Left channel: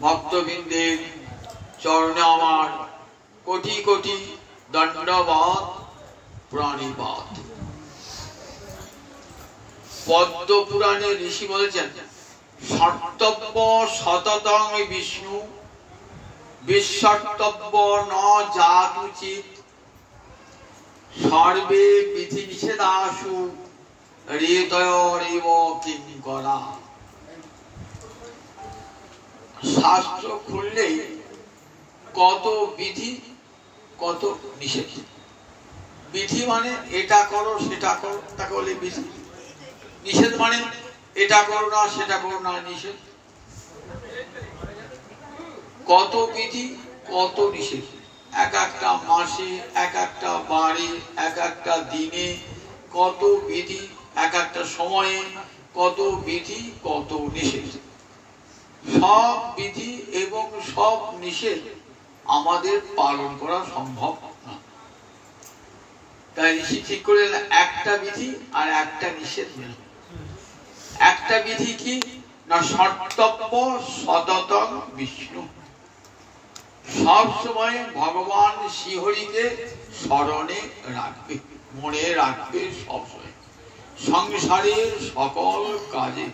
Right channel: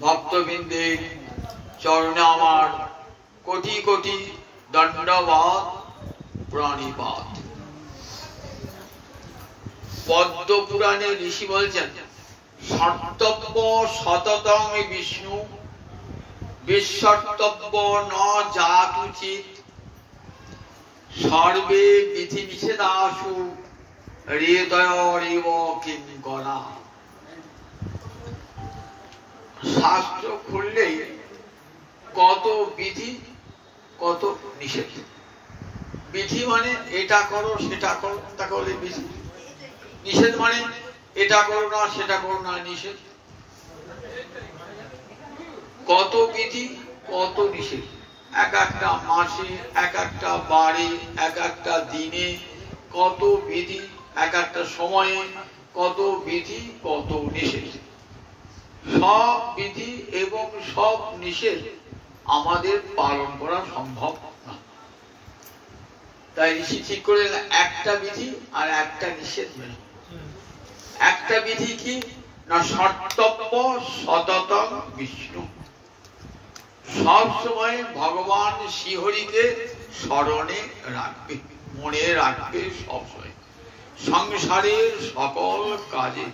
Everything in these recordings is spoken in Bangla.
ভক্তবৃন্দের চরণে আমার কোটি কোটি দণ্ডবাদ প্রণিপাত। পদ্ম পুরাণে ঋষি বলছেন, সর্তব্য সততং বিষ্ণু বিশ্বর্তব্য ন জাতুচিত সর্বে বিধি নিষেধাসু হৃদয়রিব কিঙ্করা। শাস্ত্র খুললেই কত বিধি কত নিষেধ। বিধি মানে এটা করো সেটা করো, তাকে বলে বিধি। নিষেধ মানে এটা করো না সেটা করো না, নিষেধ। কত বিধি কত নিষেধ, এক একটা মাসে, এক একটা বারে, এক একটা দিনে কত বিধি, এক একটা সময়ে কত বিধি কত নিষেধ। সব বিধি এবং সব নিষেধ আমাদের পালন করা সম্ভব না। তাই ঋষি ঠিক করে একটা বিধি আর একটা নিষেধ মেনে। একটা বিধি কি না, সর্তব্য সততং বিষ্ণু, সব সময় ভগবান শ্রীহরিকে স্মরণে রাখবে, মনে রাখবে সব সময়। সংসারের সকল কাজে,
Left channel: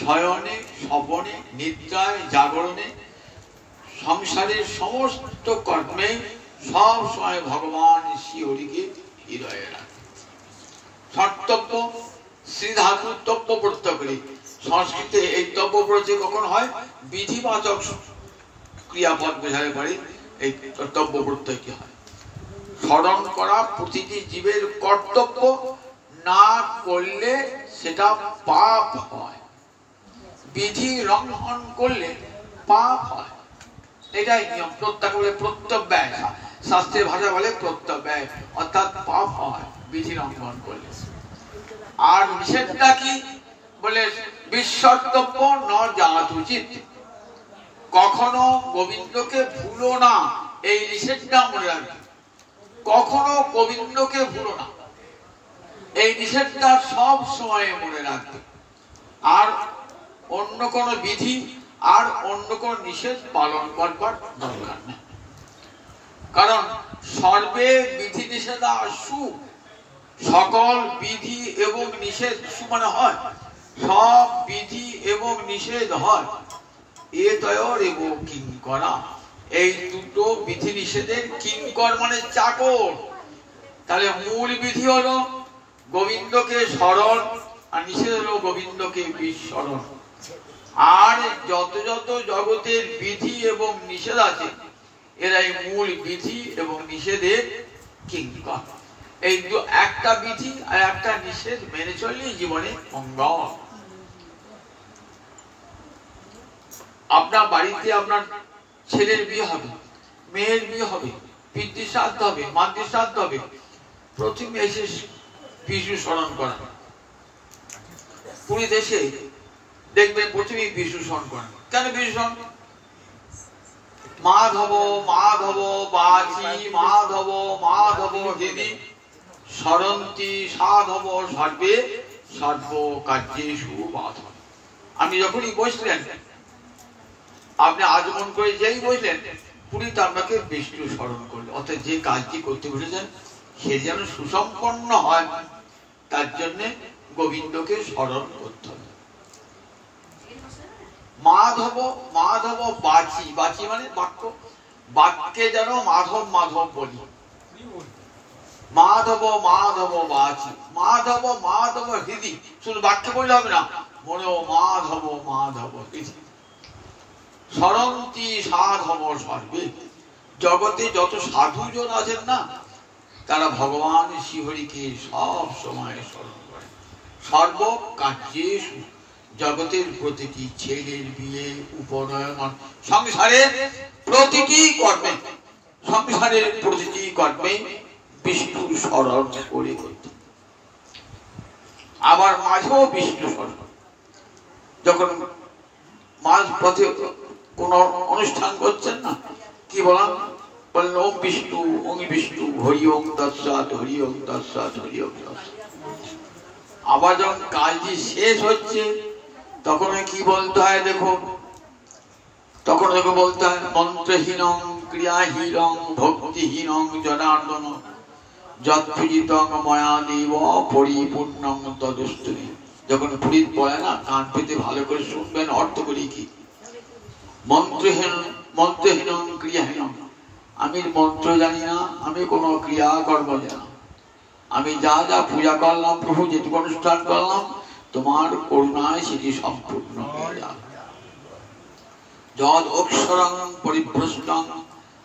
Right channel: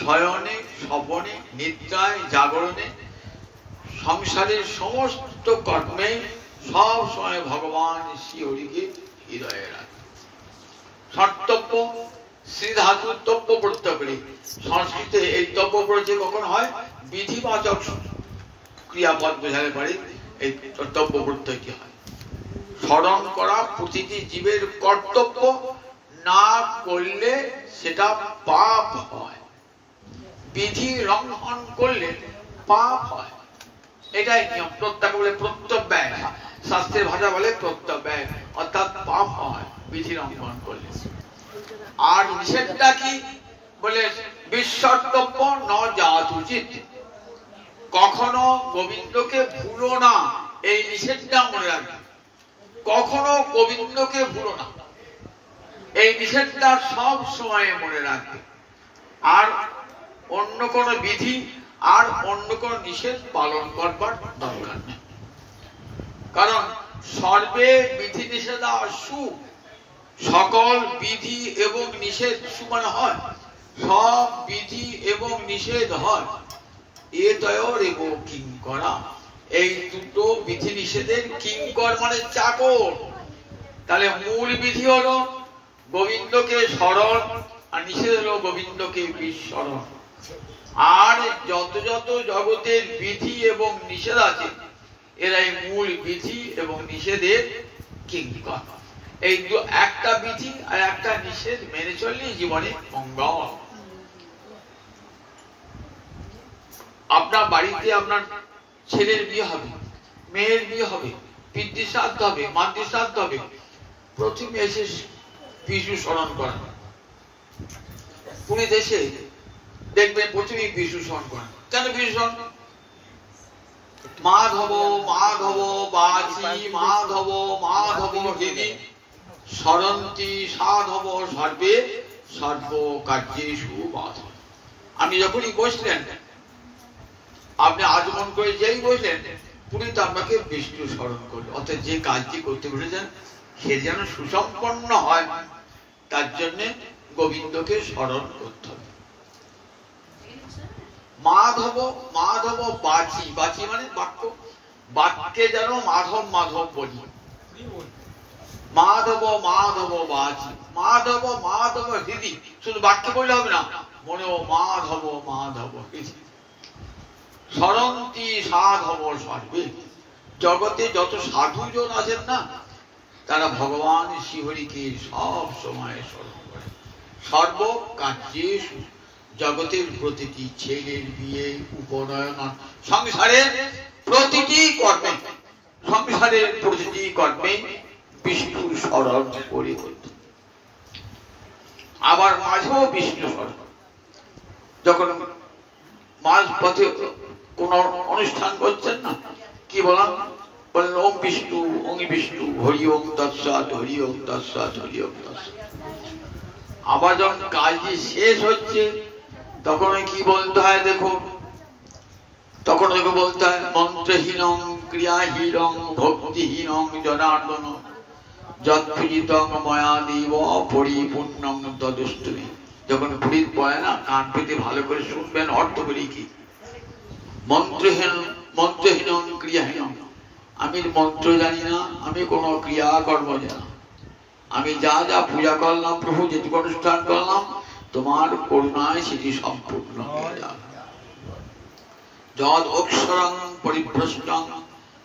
শয়নে স্বপনে নিদ্রায় জাগরণে, সংসারের সমস্ত কর্মে সব সময় ভগবান শ্রীহরিকে হৃদয়ে রাখে। সর্তব্য শ্রী ধাতু তব্য প্রত্যয় করে, সংস্কৃতে এই তব্য প্রত্যয় কখন হয়, বিধিবাচক ক্রিয়াপদ বোঝালে পারে এই তব্য প্রত্যয়টি হয়। স্মরণ করা প্রতিটি জীবের কর্তব্য, না করলে সেটা পাপ হয়। বিধি লঙ্ঘন করলে পাপ হয়, এটাই নিয়ম। প্রত্যয় বলে প্রত্যব্যয়, শাস্ত্রের ভাষা বলে প্রত্যব্যয়, অর্থাৎ পাপ হয় বিধি লঙ্ঘন করলে। আর নিষেধটা কি বলে, বিশ্বর্তব্য ন জাতুচিত, কখনো গোবিন্দকে ভুলো না, এই নিষেধটা মনে রাখবে। কখনো গোবিন্দকে ভুলো না, এই নিষেধটা সব সময় মনে রাখবে। আর অন্য কোন বিধি আর অন্য কোন নিষেধ পালন করবার দরকার নেই। কারণ সর্বে বিধি নিষেধাসু, সকল বিধি এবং নিষেধ মানে হয় সব বিধি এবং নিষেধ হয় এতয়র এবং কিঙ্করা, এই দুটো বিধি নিষেধের কিঙ্কর মানে চাকর। তাহলে মূল বিধি হলো গোবিন্দকে স্মরণ, আর নিষেধ হলো গোবিন্দকে বিস্মরণ। আর যত যত জগতের বিধি এবং নিষেধ আছে, এরাই মূল বিধি এবং নিষেধের কিঙ্কর। এই একটা বিধি আর একটা নিষেধ মেনে চললে জীবনে মঙ্গল। আপনার বাড়িতে আপনার ছেলের বিয়ে হবে, মেয়ের বিয়ে হবে, পিতৃ শ্রাদ্ধ হবে, মাতৃ শ্রাদ্ধ হবে, প্রথমে এসে বিষ্ণু স্মরণ করেন। পুরী দেশে দেখবেন প্রথমেই বিষ্ণু স্মরণ করেন। কেন বিষ্ণু স্মরণ? মাধব মাধব বাচি মাধব মাধব হৃদি স্মরন্তি সাধব সর্বে সর্ব কার্যেষু বাধব। আমি যখনই বসলেন, আপনি আচমন করে যেই বসলেন, পুরীতে আপনাকে বিষ্ণু স্মরণ করলো। অর্থাৎ যে কাজটি করতে বসেছেন সে যেন সুসম্পন্ন হয়, তার জন্য গোবিন্দকে স্মরণ করতে হবে। মাধব মাধব বাচি, বাচি মানে বাক্য, বাক্যে যেন মাধব মাধব বলি। মাধব মাধব বাচি, মাধব মাধব হৃদি, শুধু বাক্যে বললে হবে না, মনে মাধব মাধব হৃদি স্মরন্তি সাধব সর্বে। জগতে যত সাধুজন আছেন না, তারা ভগবান শ্রীহরিকে সব সময় স্মরণ করে। সর্ব কার্যেষু, জগতের প্রতিটি ছেলের বিয়ে, উপনয়ন, সংসারের প্রতিটি কর্মে, সংসারের প্রতিটি কর্মে বিষ্ণু স্মরণ করে করতে। আবার মাঝেও বিষ্ণু স্মরণ। যখন মাঝ পথে কোন অনুষ্ঠান করছেন না, কি বললাম, বললেন ওম বিষ্ণু ওম বিষ্ণু হরি ওম তৎসৎ হরি ওম তৎসৎ হরি ওম তৎসৎ। আবার যখন কাজটি শেষ হচ্ছে তখন কি বলতে হয়, দেখো তখন তোকে বলতে হয় মন্ত্রহীনং ক্রিয়াহীনং ভক্তিহীনং জনার্দন যৎপূজিতং ময়া দেব পরিপূর্ণং তদস্তুমি। যখন পুরীত বলে না, কান পেতে ভালো করে শুনবেন, অর্থ করি কি? মন্ত্রহীনং ক্রিয়াহীনং, আমি মন্ত্র জানি না, আমি কোনো ক্রিয়াকর্ম জানি না, আমি যা যা পূজা করলাম প্রভু, যেটুকু অনুষ্ঠান করলাম তোমার করুণায় সেটি সম্পূর্ণ হয়ে যাবে। যদ অক্ষরং পরিভ্রষ্টং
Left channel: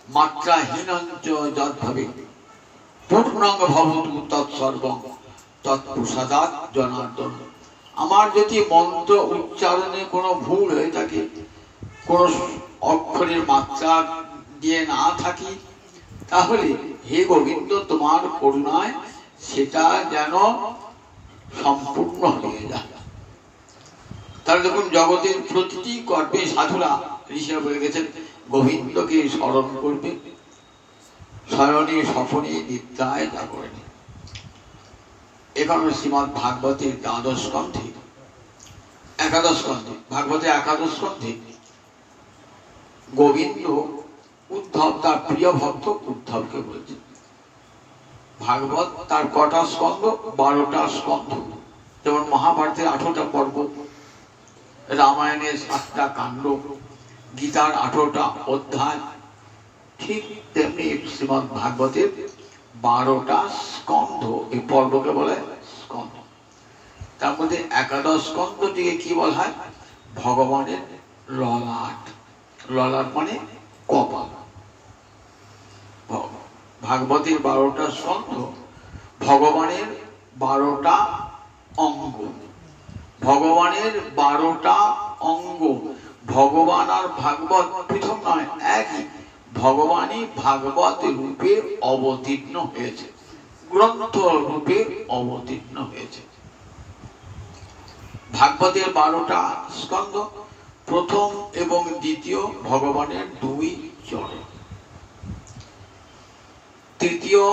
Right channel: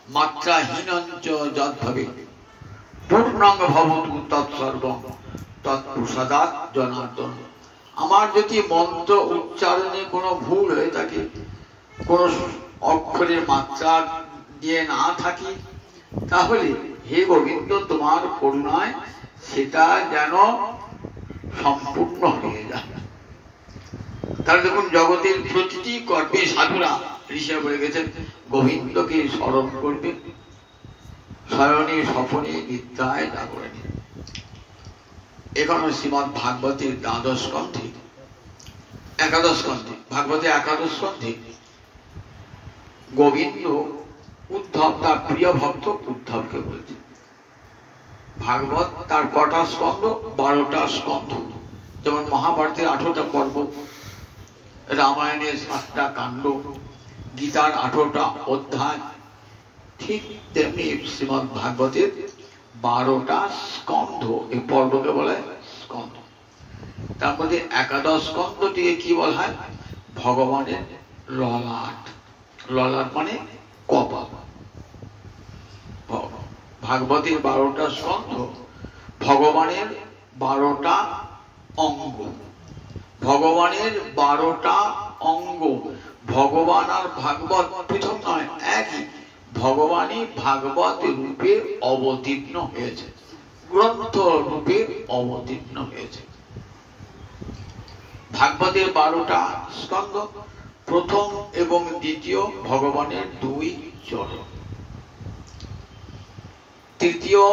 মাত্রাহীনঞ্চ যদ ভবে পূর্ণং ভবতু তৎসর্বং তৎপ্রসাদাৎ জনার্দন। আমার যদি মন্ত্র উচ্চারণে কোনো ভুল হয়ে থাকে, কোনো অক্ষরের মাত্রা দিয়ে না থাকি, তাহলে হে গোবিন্দ তোমার করুণায় সেটা যেন সম্পূর্ণ হয়ে যায়। তাহলে দেখুন, জগতের প্রতিটি কর্মে সাধুরা, ঋষিরা বলে গেছেন, গোবিন্দকে স্মরণ করবে শয়নে স্বপনে নিদ্রায় জাগরণে। এখানে শ্রীমদ্ ভাগবতের দ্বাদশ স্কন্ধে, একাদশ স্কন্ধে, ভাগবতে একাদশ স্কন্ধে গোবিন্দ উদ্ধব তার প্রিয় ভক্ত উদ্ধবকে বলছে। ভাগবত তার কটা স্কন্ধ? 12টা স্কন্ধ। যেমন মহাভারতের 18টা পর্ব, রামায়ণের 7টা কাণ্ড, গীতার 18টা অধ্যায়, ঠিক তেমনি শ্রীমদ্ ভাগবতের 12টা স্কন্ধ। এই পর্বকে বলা হয় স্কন্ধ। তার মধ্যে একাদশ স্কন্ধটিকে কি বলা হয়? ভগবানের ললাট। ললাট মানে কপাল। ভাগবতের 12টা স্কন্ধ ভগবানের 12টা অঙ্গ। ভগবানের 12টা অঙ্গ। ভগবান আর ভাগবত পৃথক নয়, একই। ভগবানই ভাগবত রূপে অবতীর্ণ হয়েছে, গ্রন্থ রূপে অবতীর্ণ হয়েছে। ভাগবতের 12টা স্কন্ধ, প্রথম এবং দ্বিতীয় ভগবানের 2 চরণ, তৃতীয়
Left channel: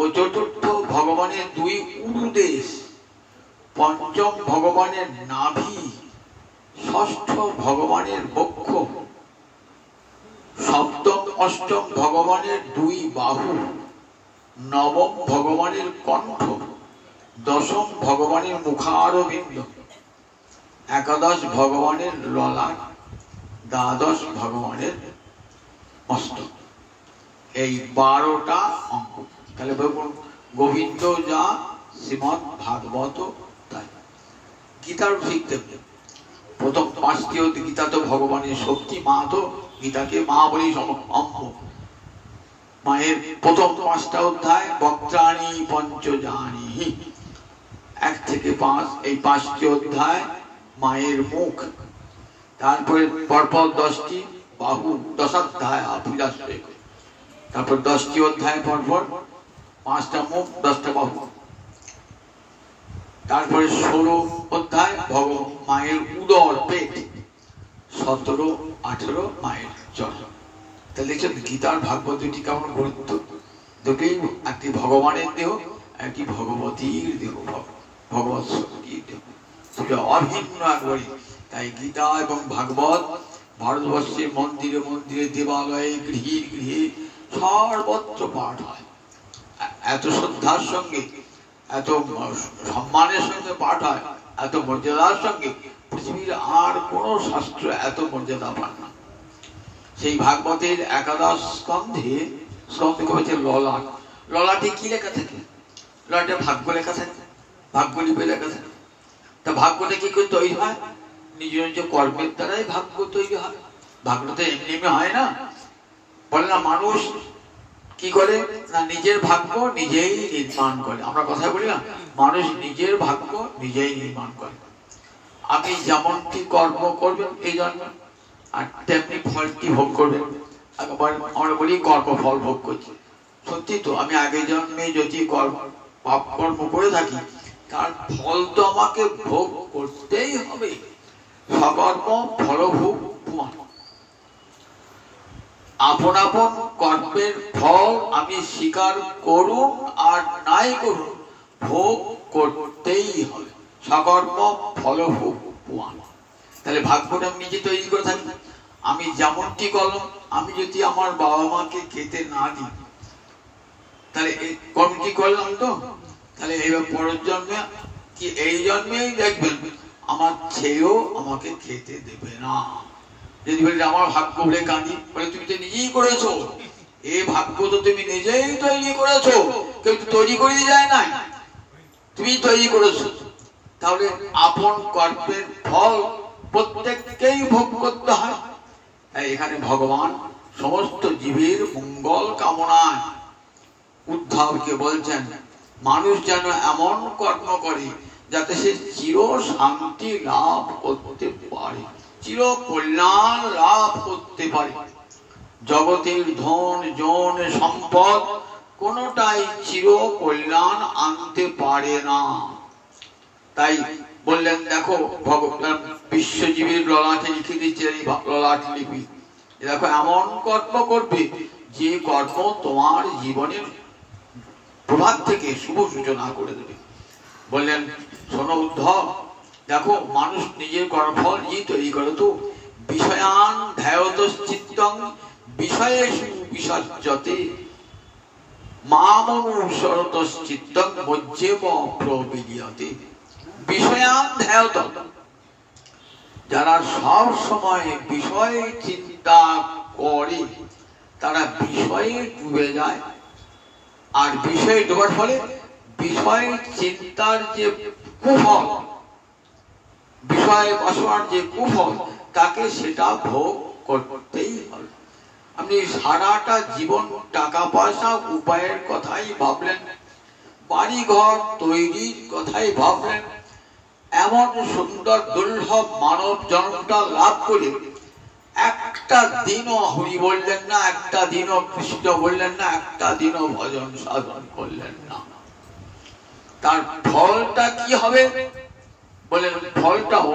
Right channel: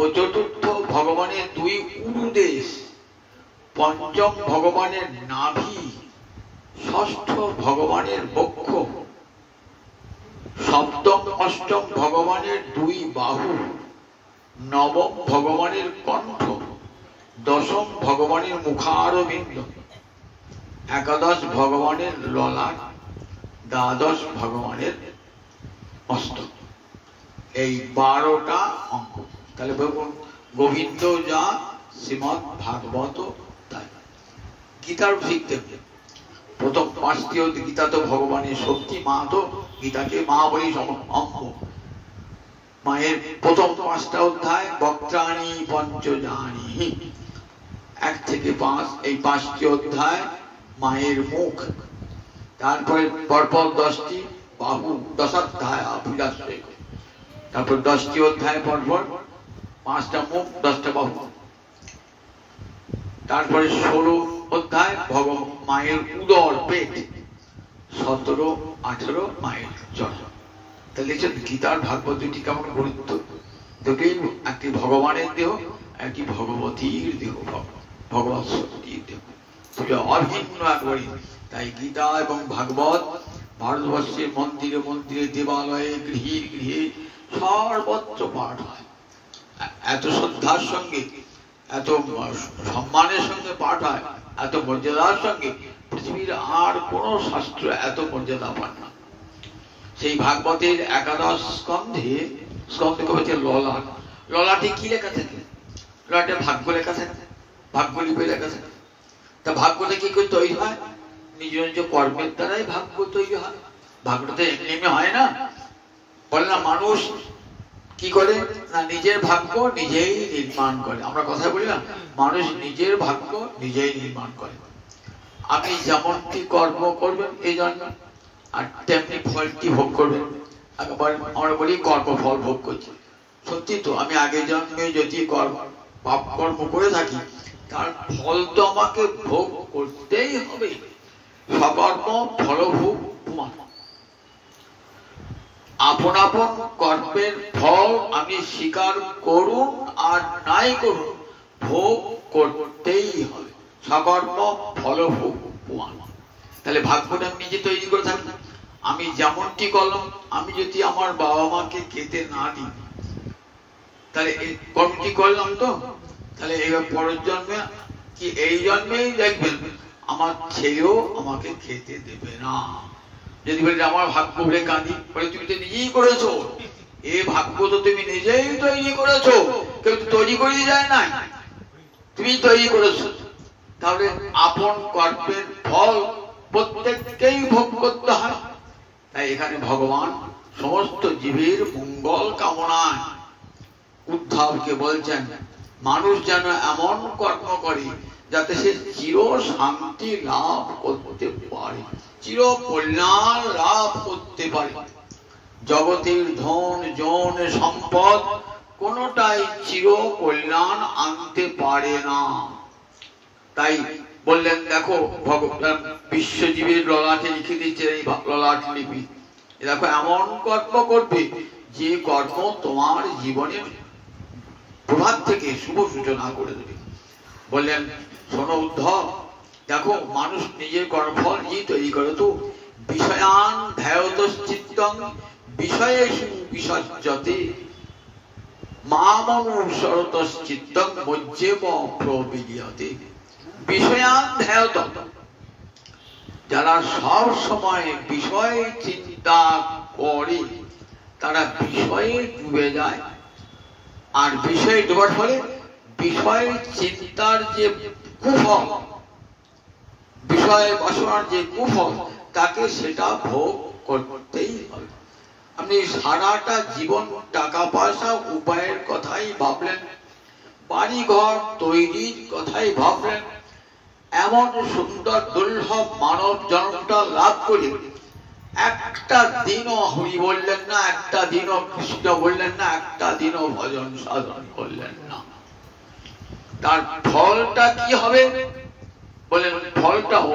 ও চতুর্থ ভগবানের 2 উরুদেশ, পঞ্চম ভগবানের নাভি, ষষ্ঠ ভগবানের বক্ষ, সপ্তম অষ্টম ভগবানের 2 বাহু, নবম ভগবানের কণ্ঠ, দশম ভগবানের মুখারবিন্দ, একাদশ ভগবানের ললাট, দ্বাদশ ভগবানের মস্তক। এই 12টা অঙ্গ। তাহলে বলুন, গোবিন্দ যা শ্রীমদ্ ভাগবত তাই। গীতার ঠিক দেখবে, প্রথম 5টি গীতা তো ভগবানের শক্তি, মা তো গীতাকে মা বলি অঙ্গ। মায়ের প্রথম 5টা অধ্যায় বক্ত্রাণি পঞ্চজানি, 1 থেকে 5, এই 5টি অধ্যায় মায়ের মুখ। তারপরে পরপর 10টি বাহু, দশাধ্যায় পূজাশ্রী। তারপর 10টি অধ্যায় পরপর 5টা মুখ, 10টা বাহু। তারপরে 16 অধ্যায় মায়ের উদর, পেট। 17, 18 মায়ের চরণ। তাহলে গীতার ভাগবত দুটি কেমন গুরুত্ব। দুটোই একটি ভগবানের দেহ, একটি ভগবতীর দেহ, ভগবত শক্তির দেহ, সেটা অভিন্ন একবারই। তাই গীতা এবং ভাগবত ভারতবর্ষের মন্দিরে মন্দিরে, দেবালয়ে, গৃহে গৃহে সর্বত্র পাঠ হয়। এত শ্রদ্ধার সঙ্গে, এত সম্মানের সঙ্গে পাঠ হয়, এত মর্যাদার সঙ্গে। পৃথিবীর আর কোন শাস্ত্র এত মর্যাদা পান না। সেই ভাগবতের একাদশ স্কন্ধে, স্কন্ধকে হচ্ছে ললাট। ললাটে কি লেখা থাকে? ললাটে ভাগ্য লেখা থাকে, ভাগ্যলিপি লেখা থাকে। তা ভাগ্যটা কি করে তৈরি হয়? নিজ নিজ কর্মের দ্বারাই ভাগ্য তৈরি হয়। ভাগ্যটা এমনি হয় না। বলে না, মানুষ কি করে না, নিজের ভাগ্য নিজেই নির্মাণ করে। আমরা কথা বলি না, মানুষ নিজের ভাগ্য নিজেই নির্মাণ করে। আপনি যেমনটি কর্ম করবেন এই জন্য, আর তেমনি ফলটি ভোগ করবেন। আমরা বলি কর্মফল ভোগ করছি। সত্যি তো, আমি আগে জন্মে যদি পাপ কর্ম করে থাকি, তার ফল তো আমাকে ভোগ করতেই হবে। সকর্ম ফলভোগ প্রমাণ। আপন আপন কর্মের ফল আমি স্বীকার করুন আর নাই করুন, ভোগ করতেই হবে। সকর্ম ফলভোগ প্রমাণ। তাহলে ভাগ্যটা আমি নিজে তৈরি করে থাকি। আমি যেমনটি করলাম, আমি যদি আমার বাবা মাকে খেতে না দিই, তাহলে এই কর্মটি করলাম তো, তাহলে এবার পরের জন্মে কি এই জন্মেই দেখবেন আমার ছেলেও আমাকে খেতে দেবে না। যদি বলি আমার ভাগ্য বলে কাঁদি, বলে তুমি তো নিজেই করেছো, এই ভাগ্য তো তুমি নিজেই তৈরি করেছো, কেউ তো তৈরি করে দিয়ে যায় না, তুমি তৈরি করেছো। তাহলে আপন কর্মের ফল প্রত্যেককেই ভোগ করতে হয়। তাই এখানে ভগবান সমস্ত জীবের মঙ্গল কামনায় উদ্ধবকে বলছেন মানুষ যেন এমন কর্ম করে যাতে সে চির শান্তি লাভ করতে পারে, চির কল্যাণ লাভ করতে পারে। জগতের ধন জন সম্পদ কোনটাই চির কল্যাণ আনতে পারে না। তাই বললেন দেখো ভগবান বিশ্বজীবীর ললাটে লিখে দিচ্ছেন এই ললাট লিপি, দেখো এমন কর্ম করবে যে কর্ম তোমার জীবনের প্রভাত থেকে শুভ সূচনা করে দেবে। বললেন শোনো উদ্ধব, দেখো মানুষ নিজের কর্মফল নিজেই তৈরি করে তো। বিষয়ান ধ্যায়তশ্চিত্তং বিষয়েষু বিসজ্জতে মামনুসরতশ্চিত্তং মজ্জেব প্রবিলীয়তে। বিষয়ান ধ্যায়ত, যারা সব সময় বিষয় চিন্তা করে তারা বিষয়ে ডুবে যায়, আর বিষয়ে ডোবার ফলে বিষয় চিন্তার যে কুফল, বিষয় বাসনার যে কুফল, তাকে সেটা ভোগ করতেই হবে। আপনি সারাটা জীবন টাকা পয়সা উপায়ের কথাই ভাবলেন, বাড়ি ঘর তৈরির কথাই ভাবলেন, এমন সুন্দর দুর্লভ মানব জন্মটা লাভ করে একটা দিনও হরি বললেন না, একটা দিনও কৃষ্ণ বললেন না, একটা দিনও ভজন সাধন করলেন না। তার ফলটা কি হবে বলেন? ফলটাও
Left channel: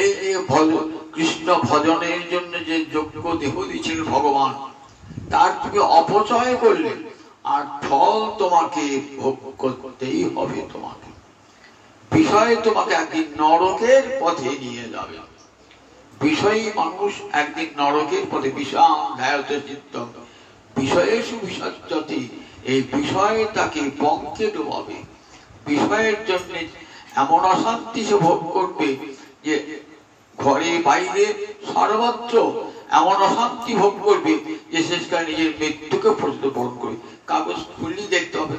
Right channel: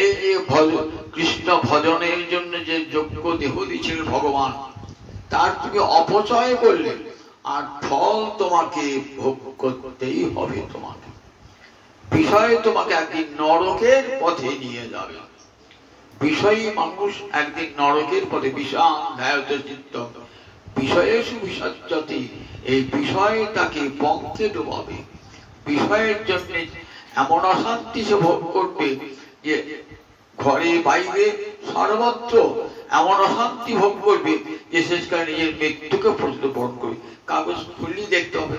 এই যে কৃষ্ণ ভজনের জন্য যে যোগ্য দেহ দিয়েছিলেন ভগবান, তার তুমি অপচয় করলে, আর ফল তোমাকে ভোগ করতেই হবে। তোমাকে বিষয় তোমাকে একদিন নরকের পথে নিয়ে যাবে। বিষয়ী মানুষ একদিন নরকের পথে বিষাম ধ্যায়ত চিত্তং বিষয়েষু বিসজ্জতে, এই বিষয় তাকে পঙ্কে ডোবাবে। বিষয়ের জন্য এমন অশান্তি সে ভোগ করবে যে ঘরে বাইরে সর্বত্র এমন অশান্তি ভোগ করবে যে শেষকালে নিজের মৃত্যুকে প্রতিপন্ন করবে। কাগজ খুললি দেখতে হবে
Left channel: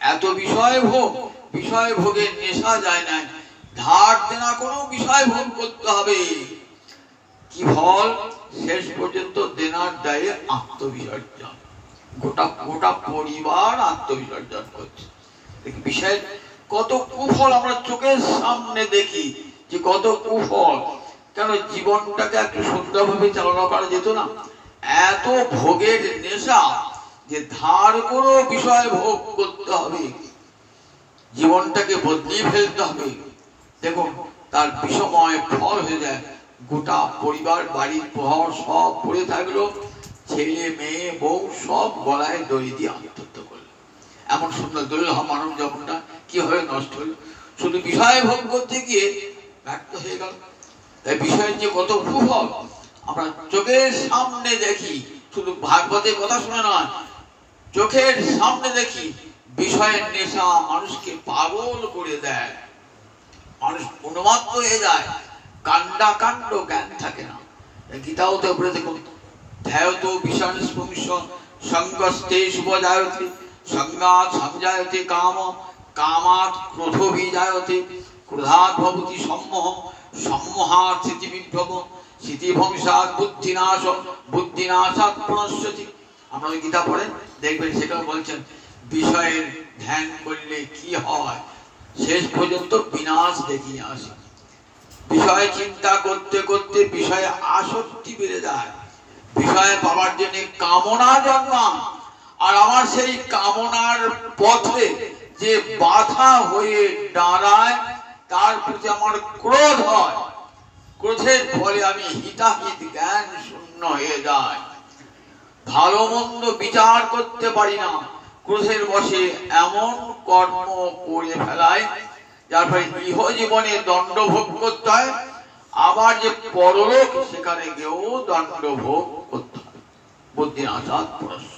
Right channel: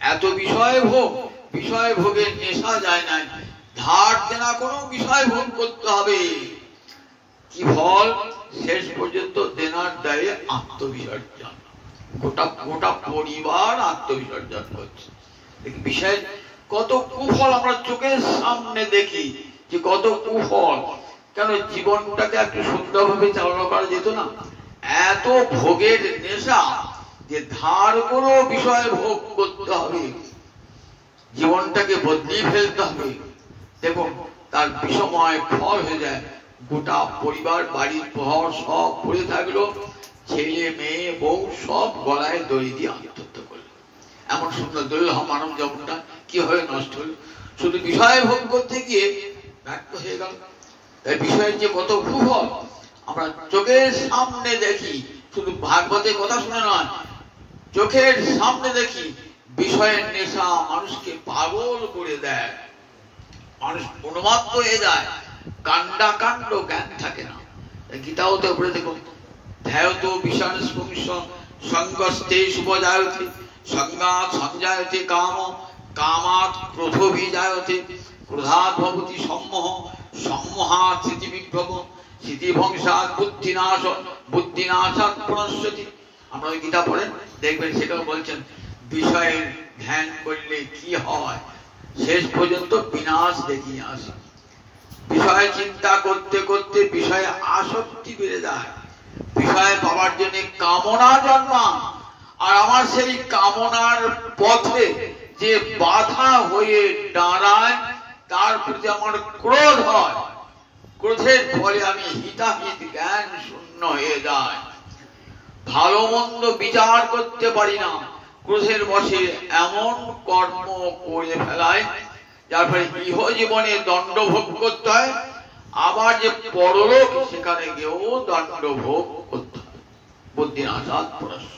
এত বিষয় ভোগ, বিষয় ভোগের নেশা যায় না, ধার দেনা কোনো বিষয় ভোগ করতে হবে। কি ফল? শেষ পর্যন্ত দেনার দায়ে আত্মবিসর্জন, গোটা গোটা পরিবার আত্মবিসর্জন করছে। বিষয় কত কুফল আমরা চোখের সামনে দেখি, যে কত কুফল। কেন জীবনটাকে একটু সুন্দরভাবে চালনা করা যেত না? এত ভোগের নেশা যে ধার কোনো বিষয় ভোগ করতে হবে, জীবনটাকে বদলিয়ে ফেলতে হবে। দেখুন তার বিষময় ফল হয়ে যায়, গোটা পরিবার বাড়ির ঘর সব পড়ে থাকলো, ছেলে মেয়ে বউ সব গলায় দড়ি দিয়ে আত্মহত্যা করলো। এমন সুন্দর দুর্লভ মানব জীবনটা কি হয়ে নষ্ট হলো? শুধু বিষয় ভোগ করতে গিয়ে ব্যর্থ হয়ে গেল। তাই বিষয়ের যে কত কুফল আমরা চোখের সামনে দেখি, শুধু ভাগবতের কথা শুনে নয়, চোখের সামনে দেখি। বিষয়ের নেশা মানুষকে পাগল করে দেয়, মানুষ উন্মাদ হয়ে যায়, কান্ডা কাণ্ড জ্ঞান থাকে না। গীতাও তো বলে দেখুন, ধ্যায়তো বিষয় স্পংশ সঙ্গস্তে শুভজায়তে সংজ্ঞাত সংজায়তে কাম কামাত ক্রোধোভিজায়তে ক্রোধাৎ ভবতি সম্মোহ সম্মোহাৎ স্মৃতিবিভ্রম স্মৃতিভংসাৎ বুদ্ধিনাশ বুদ্ধিনাশাৎ প্রণশ্যতি। আপনারা গীতা পড়েন দেখবেন, সেটাও বলছেন বিষয়ের ধ্যান করলে কি হয়, শেষ পর্যন্ত বিনাশ দেখিয়ে আসে। বিষয় চিন্তা করতে করতে বিষয়ে আসক্তি বেড়ে যায়, বিষয় পাওয়ার জন্য কামনা জন্মায়, আর আমার সেই কামনার পথে যে বাধা হয়ে দাঁড়ায় তার প্রতি আমার ক্রোধ হয়, ক্রোধের ফলে আমি হিতাহিত জ্ঞান শূন্য হয়ে যায়, ভালো মন্দ বিচার করতে পারি না, ক্রোধের বশে এমন কর্ম করে ফেলায় যার ফলে ইহ জীবনে দণ্ড ভোগ করতে হয়, আবার যে পরলোক সেখানে গিয়েও দণ্ড ভোগ করতে হবে। বুদ্ধিনাশাৎ পরস্য।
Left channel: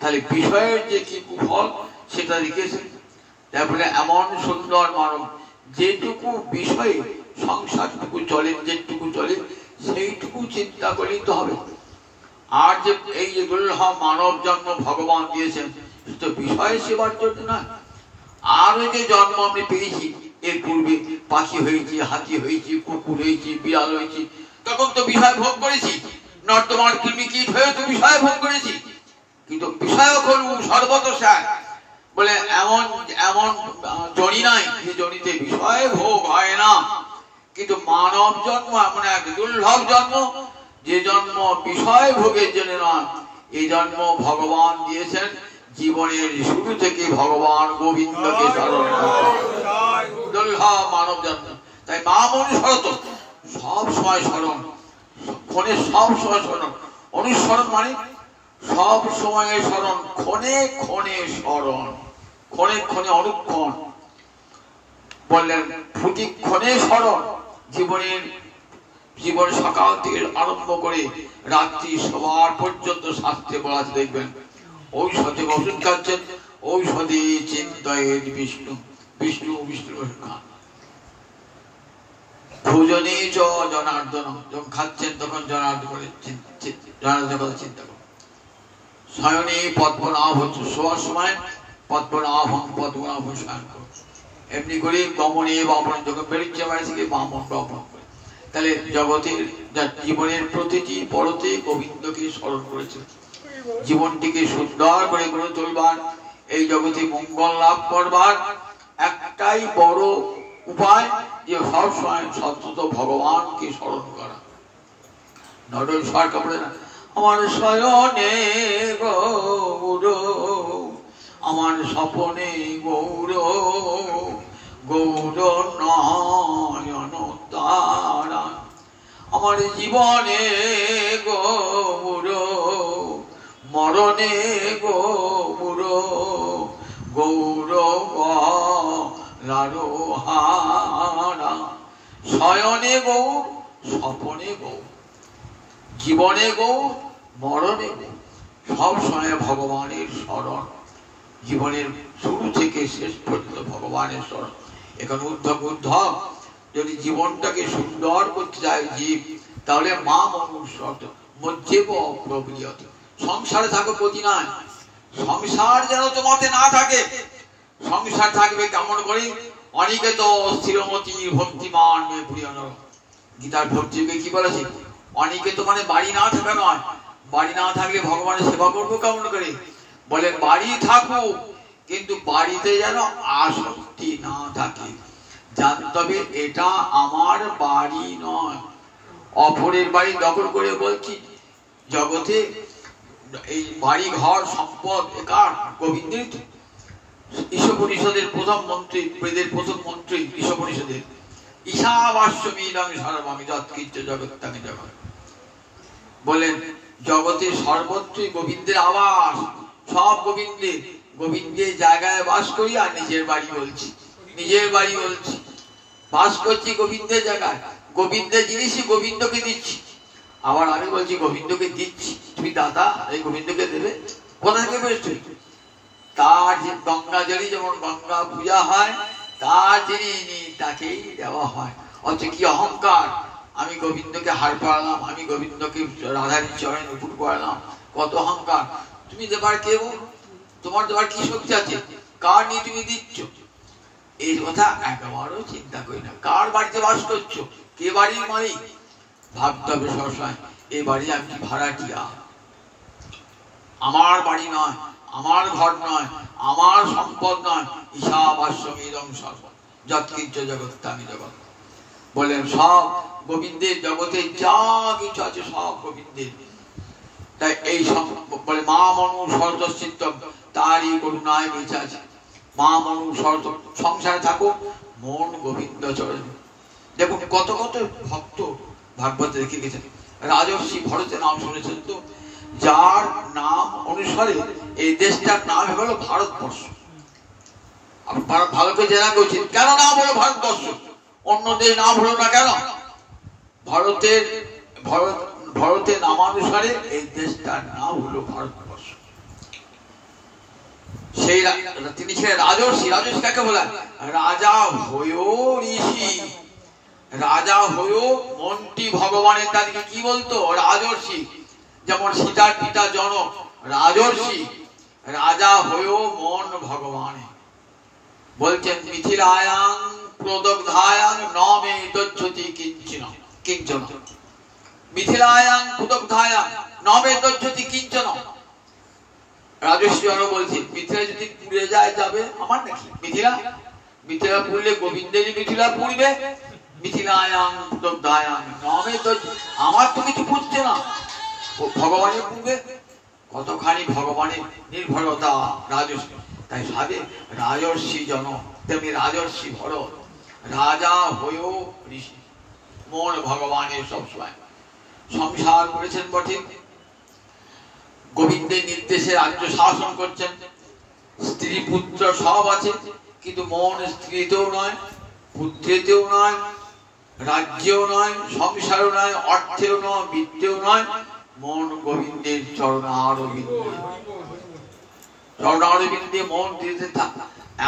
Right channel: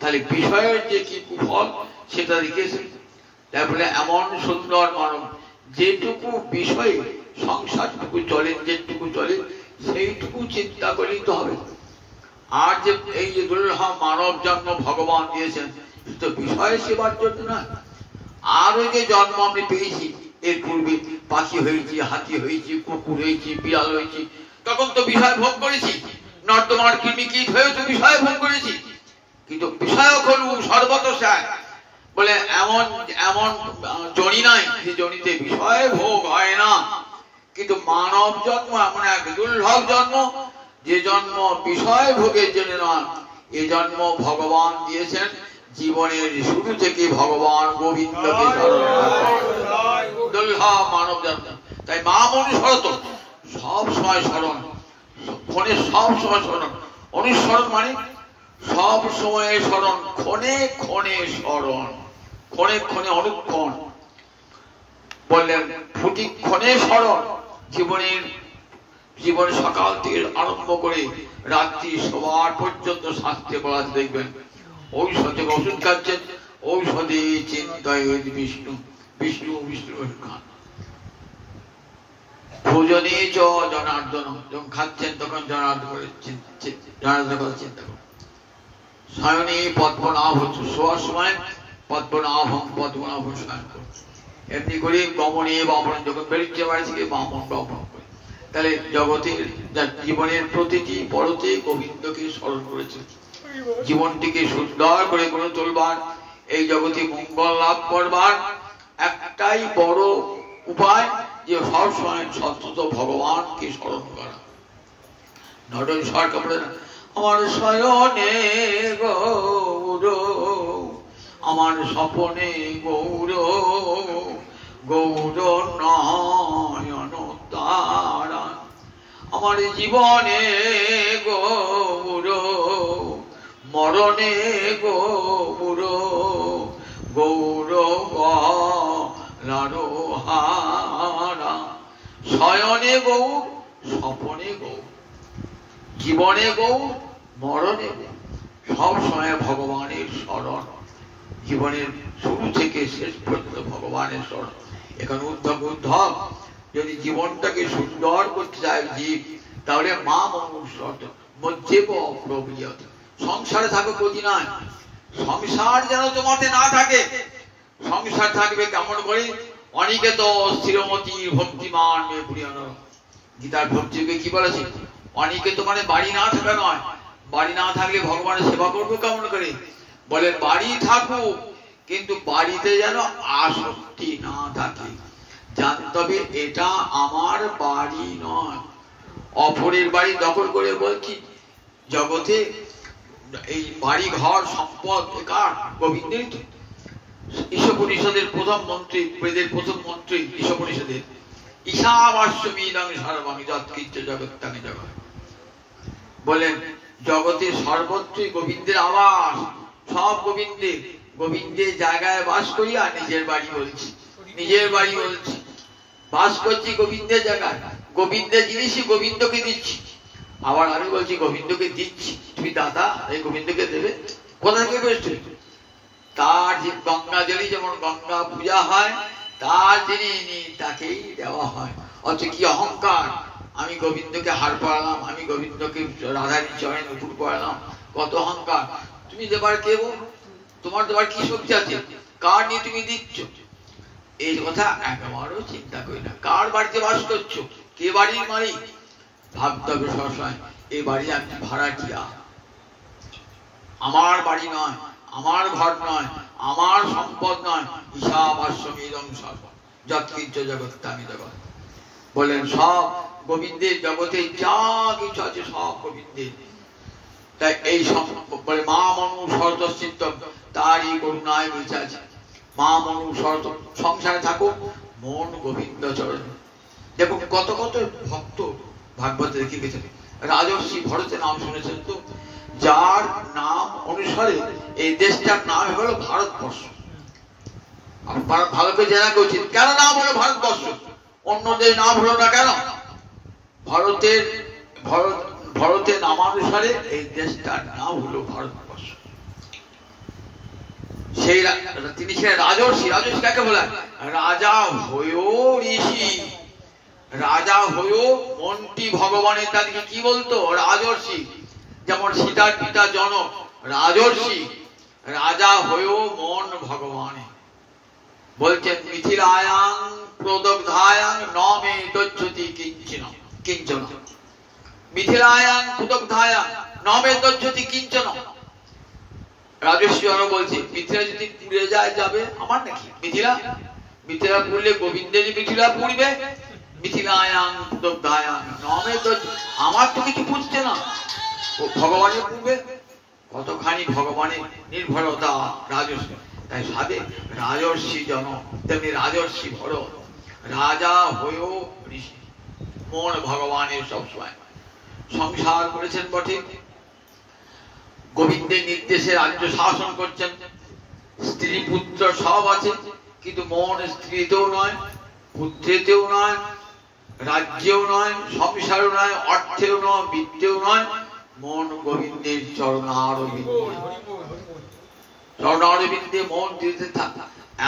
তাহলে বিষয়ের যে কি কুফল সেটা লিখেছে। তারপরে এমন সুন্দর মানব, যেটুকু বিষয়ে সংসারটুকু চলে, যেটুকু চলে সেইটুকু চিন্তা করলেই তো হবে। আর যে এই যে দুর্লভ মানব জন্ম ভগবান দিয়েছেন তো বিষয় সেবার জন্য নয়। আর ওই যে জন্ম আমি পেয়েছি, এর পূর্বে পাখি হয়েছি, হাতি হয়েছি, কুকুর হয়েছি, বিড়াল হয়েছি, তখন তো বিষয় ভোগ করেছি। নর্দমার কৃমিকীট হয়ে তো বিষয় ভোগ করেছি। কিন্তু বিষয় হল সর্বতোষায় বলে এমন এমন জনি নাই যে জনিতে বিষয় ভোগ হয় না। কিন্তু মানব জন্ম এমন এক দুর্লভ জন্ম, যে জন্ম বিষয় ভোগের জন্য নয়। এই জন্ম ভগবান দিয়েছেন জীবনের শুরু থেকে ভগবান গোবিন্দকে স্মরণ করতে। দুর্লভ মানব জন্ম। তাই মা অনুসরত সব সময় স্মরণ, ক্ষণে সব সময় স্মরণ। অনুসরণ মানে সব সময় স্মরণ, ক্ষণে ক্ষণে স্মরণ, ক্ষণে ক্ষণে অনুক্ষণ। বললেন প্রতিক্ষণে স্মরণ। জীবন সকাল থেকে আরম্ভ করে রাত্রি সবার পর্যন্ত শাস্ত্রে বলা দেখবেন, ঔষধে ওষুধ খাচ্ছেন, ঔষধে চিন্তায় বিষ্ণু, বিষ্ণু বিষ্ণু খান। ভোজনে চ জনার্দন, যখন খাচ্ছেন তখন জনার্দন করে জনার্দনের কথা চিন্তা করুন। শয়নে পদ্মনাভ, শোয়ার সময় পদ্মনাভম পদ্মনাভ শয়ন করুন। এমনি করে গমনে বামন, যখন বেরিয়ে বাড়ি থেকে বামন বামন করে। তাহলে জগতের জীবনের প্রতিটি পরতে গোবিন্দকে স্মরণ করেছে। জীবনটিকে সুন্দর করে গড়ে তুলবার, এই জগতে মঙ্গল লাভ করবার একটাই বড় উপায় যে সবসময় সতত ভগবানকে স্মরণ করা। নডল সরকার বলে না, আমার শয়নে গৌর, আমার স্বপনে গৌর, গৌর নয়ন তারা, আমার জীবনে গৌর, মরণে গৌর, গৌর গলারোহারা। শয়নে গৌর, স্বপনে গৌর, জীবনে গৌর, মরণে গৌর। সব সময় ভগবানের স্মরণ। জীবনের শুরু থেকে শেষ পর্যন্ত ভগবানের স্মরণ। এখন উদ্ধব যদি জীবনটাকে সুন্দর করতে চায় জীব, তাহলে মা মনুষ্যত মজ্জেব প্রবীয়ত। সংসারে থাকো প্রতি নয়, সংসার যেন তোমাতে না থাকে। সংসার থাকবে কেমন করে? অনেকে তো স্থিরমতি ভক্তিমান মেয়ে প্রিয়ানো, গীতার ভক্তিকে কি বলেছে? অনেকে তো মানে বাড়ি না থাকা নয়, বাড়ি না থাকলে ভগবানের সেবা করবো কেমন করে? বলে বাড়ি থাকুক, কিন্তু বাড়িতে যেন আসক্তি না থাকে। জানতে হবে এটা আমার বাড়ি নয়, অপরের বাড়ি দখল করে বলছি। জগতে এই বাড়ি ঘর সম্পদ একার গোবিন্দের। ঈশোপনিষদের প্রথম মন্ত্রী, বেদের প্রথম মন্ত্রী ঈশোপনিষদের, ঈশাবাস্যমিদং সর্বং যৎকিঞ্চ জগত্যাং জগৎ। বলেন জগতের সর্বত্রই গোবিন্দের আবাস, সব গোবিন্দের। গোবিন্দের জায়গায় বাস করি আর নিজের বাড়ি বলছি, নিজের বাড়ি বলছি, বাস করছি গোবিন্দের জায়গায়। গোবিন্দের জিনিসই গোবিন্দকে দিচ্ছি। আবার আমি বলছি গোবিন্দকে দিচ্ছি, তুমি দাদা এই গোবিন্দকে দেবে কোথা থেকে পেয়েছি? তার যে গঙ্গা জলি, যেমন গঙ্গা পূজা হয়, তার যিনি তাকেই দেওয়া হয়। অথচ কি অহংকার, আমি গোবিন্দকে হার পড়ালাম, আমি গোবিন্দকে রাধারী চরণে নতুন পড়ালাম, কত অহংকার। তুমি দেবার কে? তোমার দেবার কি শক্তি আছে? কার নিয়ে তুমি দিচ্ছ? এই কথা একেবারেও চিন্তা করি না। কার বাড়িতে বাস করছো, কে বাড়ির মালিক? ভাবতে হবে সবসময় এই বাড়ি আমি ভাড়াটিয়া, আমার বাড়ি নয়, আমার ঘর নয়, আমার সম্পদ নয়। ঈশাবাস্যমিদং সর্বং যৎকিঞ্চ জগত্যাং জগৎ। বলেন সব গোবিন্দের, জগতে যা কিছু আছে সব গোবিন্দের। তাই এই বলে মা মনু সর্বচিত্ত, তারই করুণায় বেঁচে আছে। মা মনু সর্ব, সংসারে থাকো মন গোবিন্দ চরণ। দেখুন কত কত ভক্ত ভাগবতে রেখে গেছেন। রাজর্ষি ভরতের নাম শুনেছেন তো? যার নাম অনুসারে এই দেশটার নাম হলো ভারতবর্ষ। ভালো করে জানা উচিত, কেন নাম হলো ভারতবর্ষ? অন্য দেশ নাম হলো না কেন? ভারতের ভারতের নামানুসারে এই দেশটার নাম হলো ভারতবর্ষ। সেই তিনি ছিলেন রাজর্ষি। রাজর্ষি কাকে বলা? রাজা হয়েও ঋষি, রাজা হয়েও মনটি ভগবানের, তাদেরকে কি বলতো? রাজর্ষি। যেমন সীতার পিতা জনক রাজর্ষি, রাজা হয়েও মন ভগবানে। বলছেন মিথিলায়াং প্রদগ্ধায়াং ন মে দজ্জতি কিঞ্চন কিঞ্চন, মিথিলায়াং প্রদগ্ধায়াং ন মে দজ্জতি কিঞ্চন। রাজর্ষি আরো বলছে মিথিলা যদি পুড়ে যায় যাবে আমার নাকি? মিথিলা মিথিলা পুড়লে গোবিন্দের মিথিলা পুড়বে। মিথিলায়াং প্রদগ্ধায়াং ন মে দজ্জতি, আমার তো কিছু পুড়ছে না, ভগবানের পুড়বে। কতখানি ভগবানের নির্ভরতা রাজর্ষি। তাই সাধে রাজর্ষি জন, তেমনি রাজর্ষি ভরত, রাজা হয়েও ঋষি, মন ভগবানের সবসময়। সংসার করেছেন বটে, গোবিন্দের নির্দেশে রাজ্য শাসন করছেন, স্ত্রী পুত্র সব আছে, কিন্তু মন স্ত্রীতেও নয়, পুত্রেতেও নয়, রাজ্যেও নয়, সংসারও নয়, অর্থেও নয়, বিদ্যেও নয়, মন গোবিন্দের চরণারবিন্দে, চরণারবিন্দে মন দিতে থাক।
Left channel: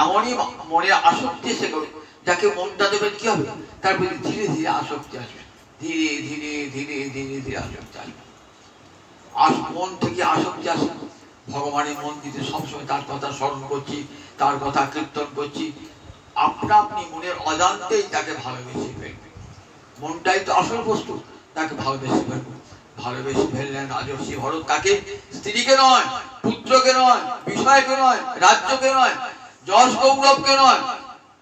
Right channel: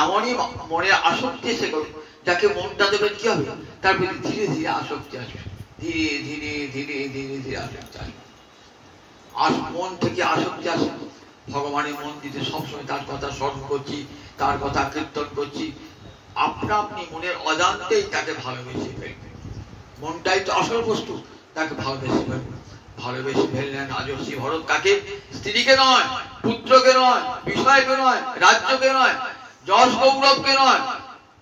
এমনই মনে আসক্তি এসে করো, যাকে মনটা দেবেন কি হবে? তার প্রতি ধীরে ধীরে আসক্তি আসবে, ধীরে ধীরে ধীরে ধীরে ধীরে আসক্তি আসবে। মন থেকে আসক্তি আসে, ভগবানের মন দিতে সবসময় তার কথা স্মরণ করছি, তার কথা কীর্তন করছি, আপনা আপনি মনের অজান্তেই তাকে ভালোবেসে ফেলবে। মনটাই তো আসল বস্তু, তাকে ভালোবেসে ফেলবে। ভালোবেসে ফেললেন রাজর্ষি ভরত। কাকে? স্ত্রীকে নয়, পুত্রকে নয়, বিষয়কে নয়, রাজ্যকে নয়, যশ গৌরবকে নয়,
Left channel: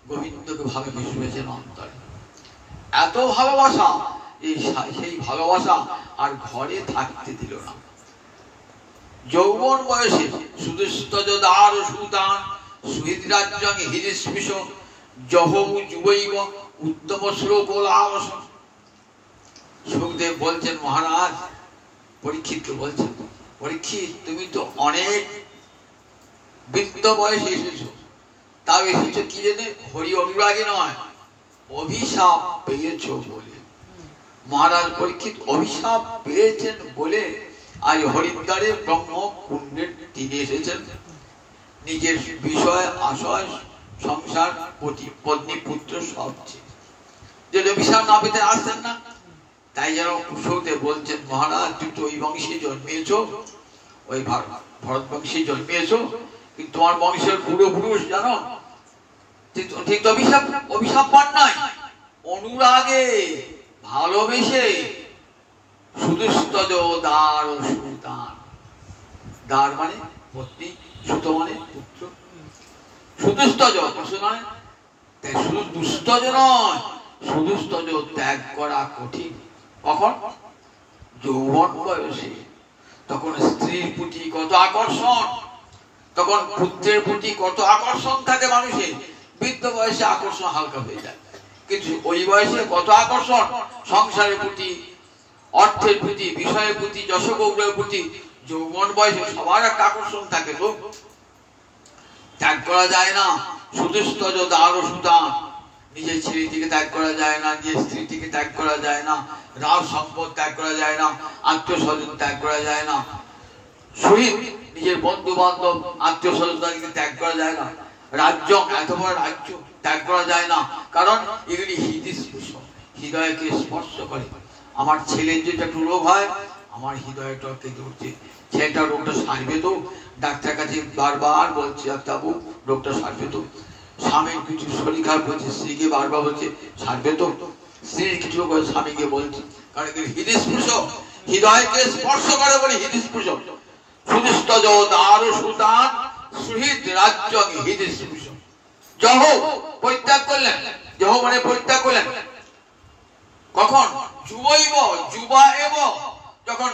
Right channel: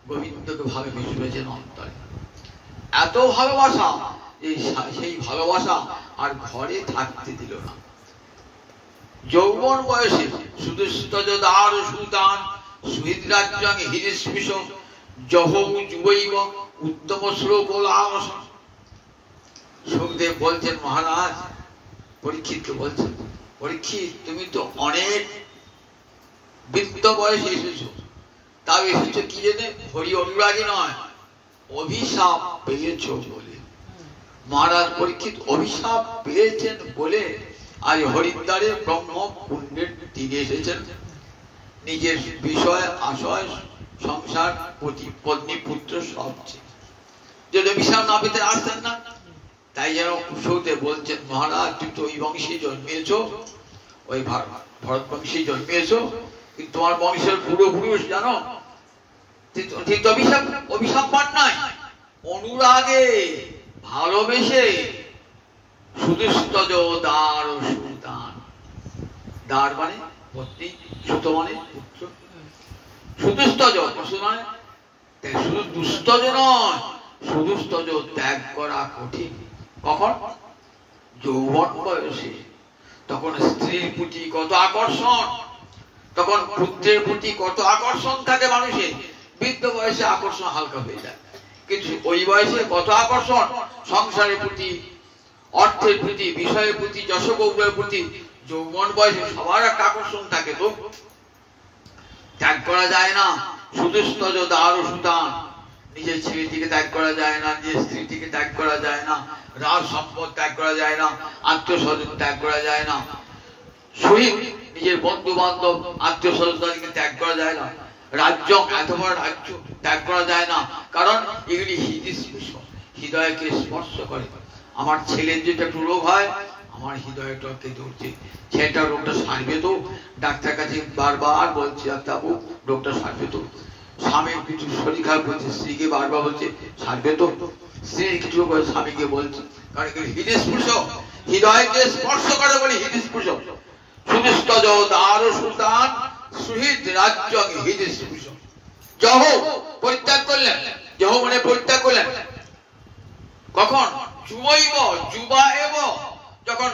গোবিন্দকে ভালোবেসে ফেলেছেন অন্তরে। এত ভালোবাসা, সেই ভালোবাসা আর ঘরে থাকতে দিল না। যৌবন বয়সে শুধু স্তজদার সুতান সুহৃদরাজ্যং হৃদস্পৃশ জহৌ যুবৈব উত্তম শ্লোক লালস। সুখদেব বলছেন, মহারাজ পরীক্ষিতকে বলছেন, পরীক্ষিত তুমি তো অনেক বৃদ্ধ বয়সে এসেছো, তাও এসেছো কি জেনে? হরি অনুরাগী নয়, অভিশাপ পেয়েছো বলে। মহারাজ পরীক্ষিত অভিশাপ পেয়েছেন বলে আজ হরিদ্বারে ব্রহ্ম পুণ্যের তীরে এসেছেন। নিজের বিষয় আশয় সংসার পত্নী পুত্র সব যদি অভিশাপ না পেতে আসতেন না। তাই যেন কুশতে বলছেন, মহারাজ তুমি তো ওই বংশে জন্মিয়েছ, ওই ভরত বংশে জন্মিয়েছ, কিন্তু তোমার বংশের পূর্বপুরুষ জানো ঠিক অভিশাপ অভিশাপ পান নাই, অনুরাগে ভালোবেসে শুধু স্তজ দার সুতান। দার মানে পত্নী, সুত মানে পুত্র, শুধু স্তজ মানে শুধু দুস্তজ নয়, শুধু স্তজ ত্যাগ করা কঠিন। কখন? যৌবন বয়সে। তখন স্ত্রীর প্রতি কত আকর্ষণ, তখন পুত্রের প্রতি কত আকর্ষণ থাকে মানুষের। বৃদ্ধ বয়সে আকর্ষণ হালকা হয়ে যায়, কিন্তু ওই বয়সে কত আকর্ষণ সংসারের প্রতি, অর্থের প্রতি, বিষয়ের প্রতি, যশগৌরবের প্রতি। যৌবন বয়সে সবার একটা আকর্ষণ থাকে, তো ত্যাগ করা যায় না। শুধু স্তজ দার সুতান, নিজের ছেলেটিকে ত্যাগ করা যায় না, নিজের স্ত্রীটিকে ত্যাগ করা যায় না, রাজ সম্পদ ত্যাগ করা যায় না, আত্মীয় স্বজন ত্যাগ করা যায় না, শহীদ নিজের বন্ধু বান্ধব আত্মীয় স্বজনকে ত্যাগ করা যায় না, রাজ্য এত বড় রাজ্য ত্যাগ করা যায় না, কারণ এগুলি হৃদস্পর্শ, হৃদয়কে স্পর্শ করে। আমার ছেলের যেটা একটু রোগ হয়, আমার হৃদয়টাকে ধরছে, ছেলেটা রোগটা সারবে তো, ডাক্তার কাছে বারবার বলছে ডাক্তারবাবু রোগটা সারবে তো। স্বামীর কিছু শরীর খারাপ বলছে, স্ত্রীকে বারবার বলছে সারবে তো। স্ত্রীর কিছু রোগ হয়, স্বামীকে বলছে, কারণ হৃদস্পর্শ, হৃদয়কে স্পর্শ করে বলে হৃদস্পর্শ। শুধু স্তজ দার সুতান সুহৃদ রাজ্য হৃদস্পর্শ। জহ পরিত্যাগ করলেন, জহ মানে পরিত্যাগ করলেন কখন? যুবৈব যুবা এব, যখন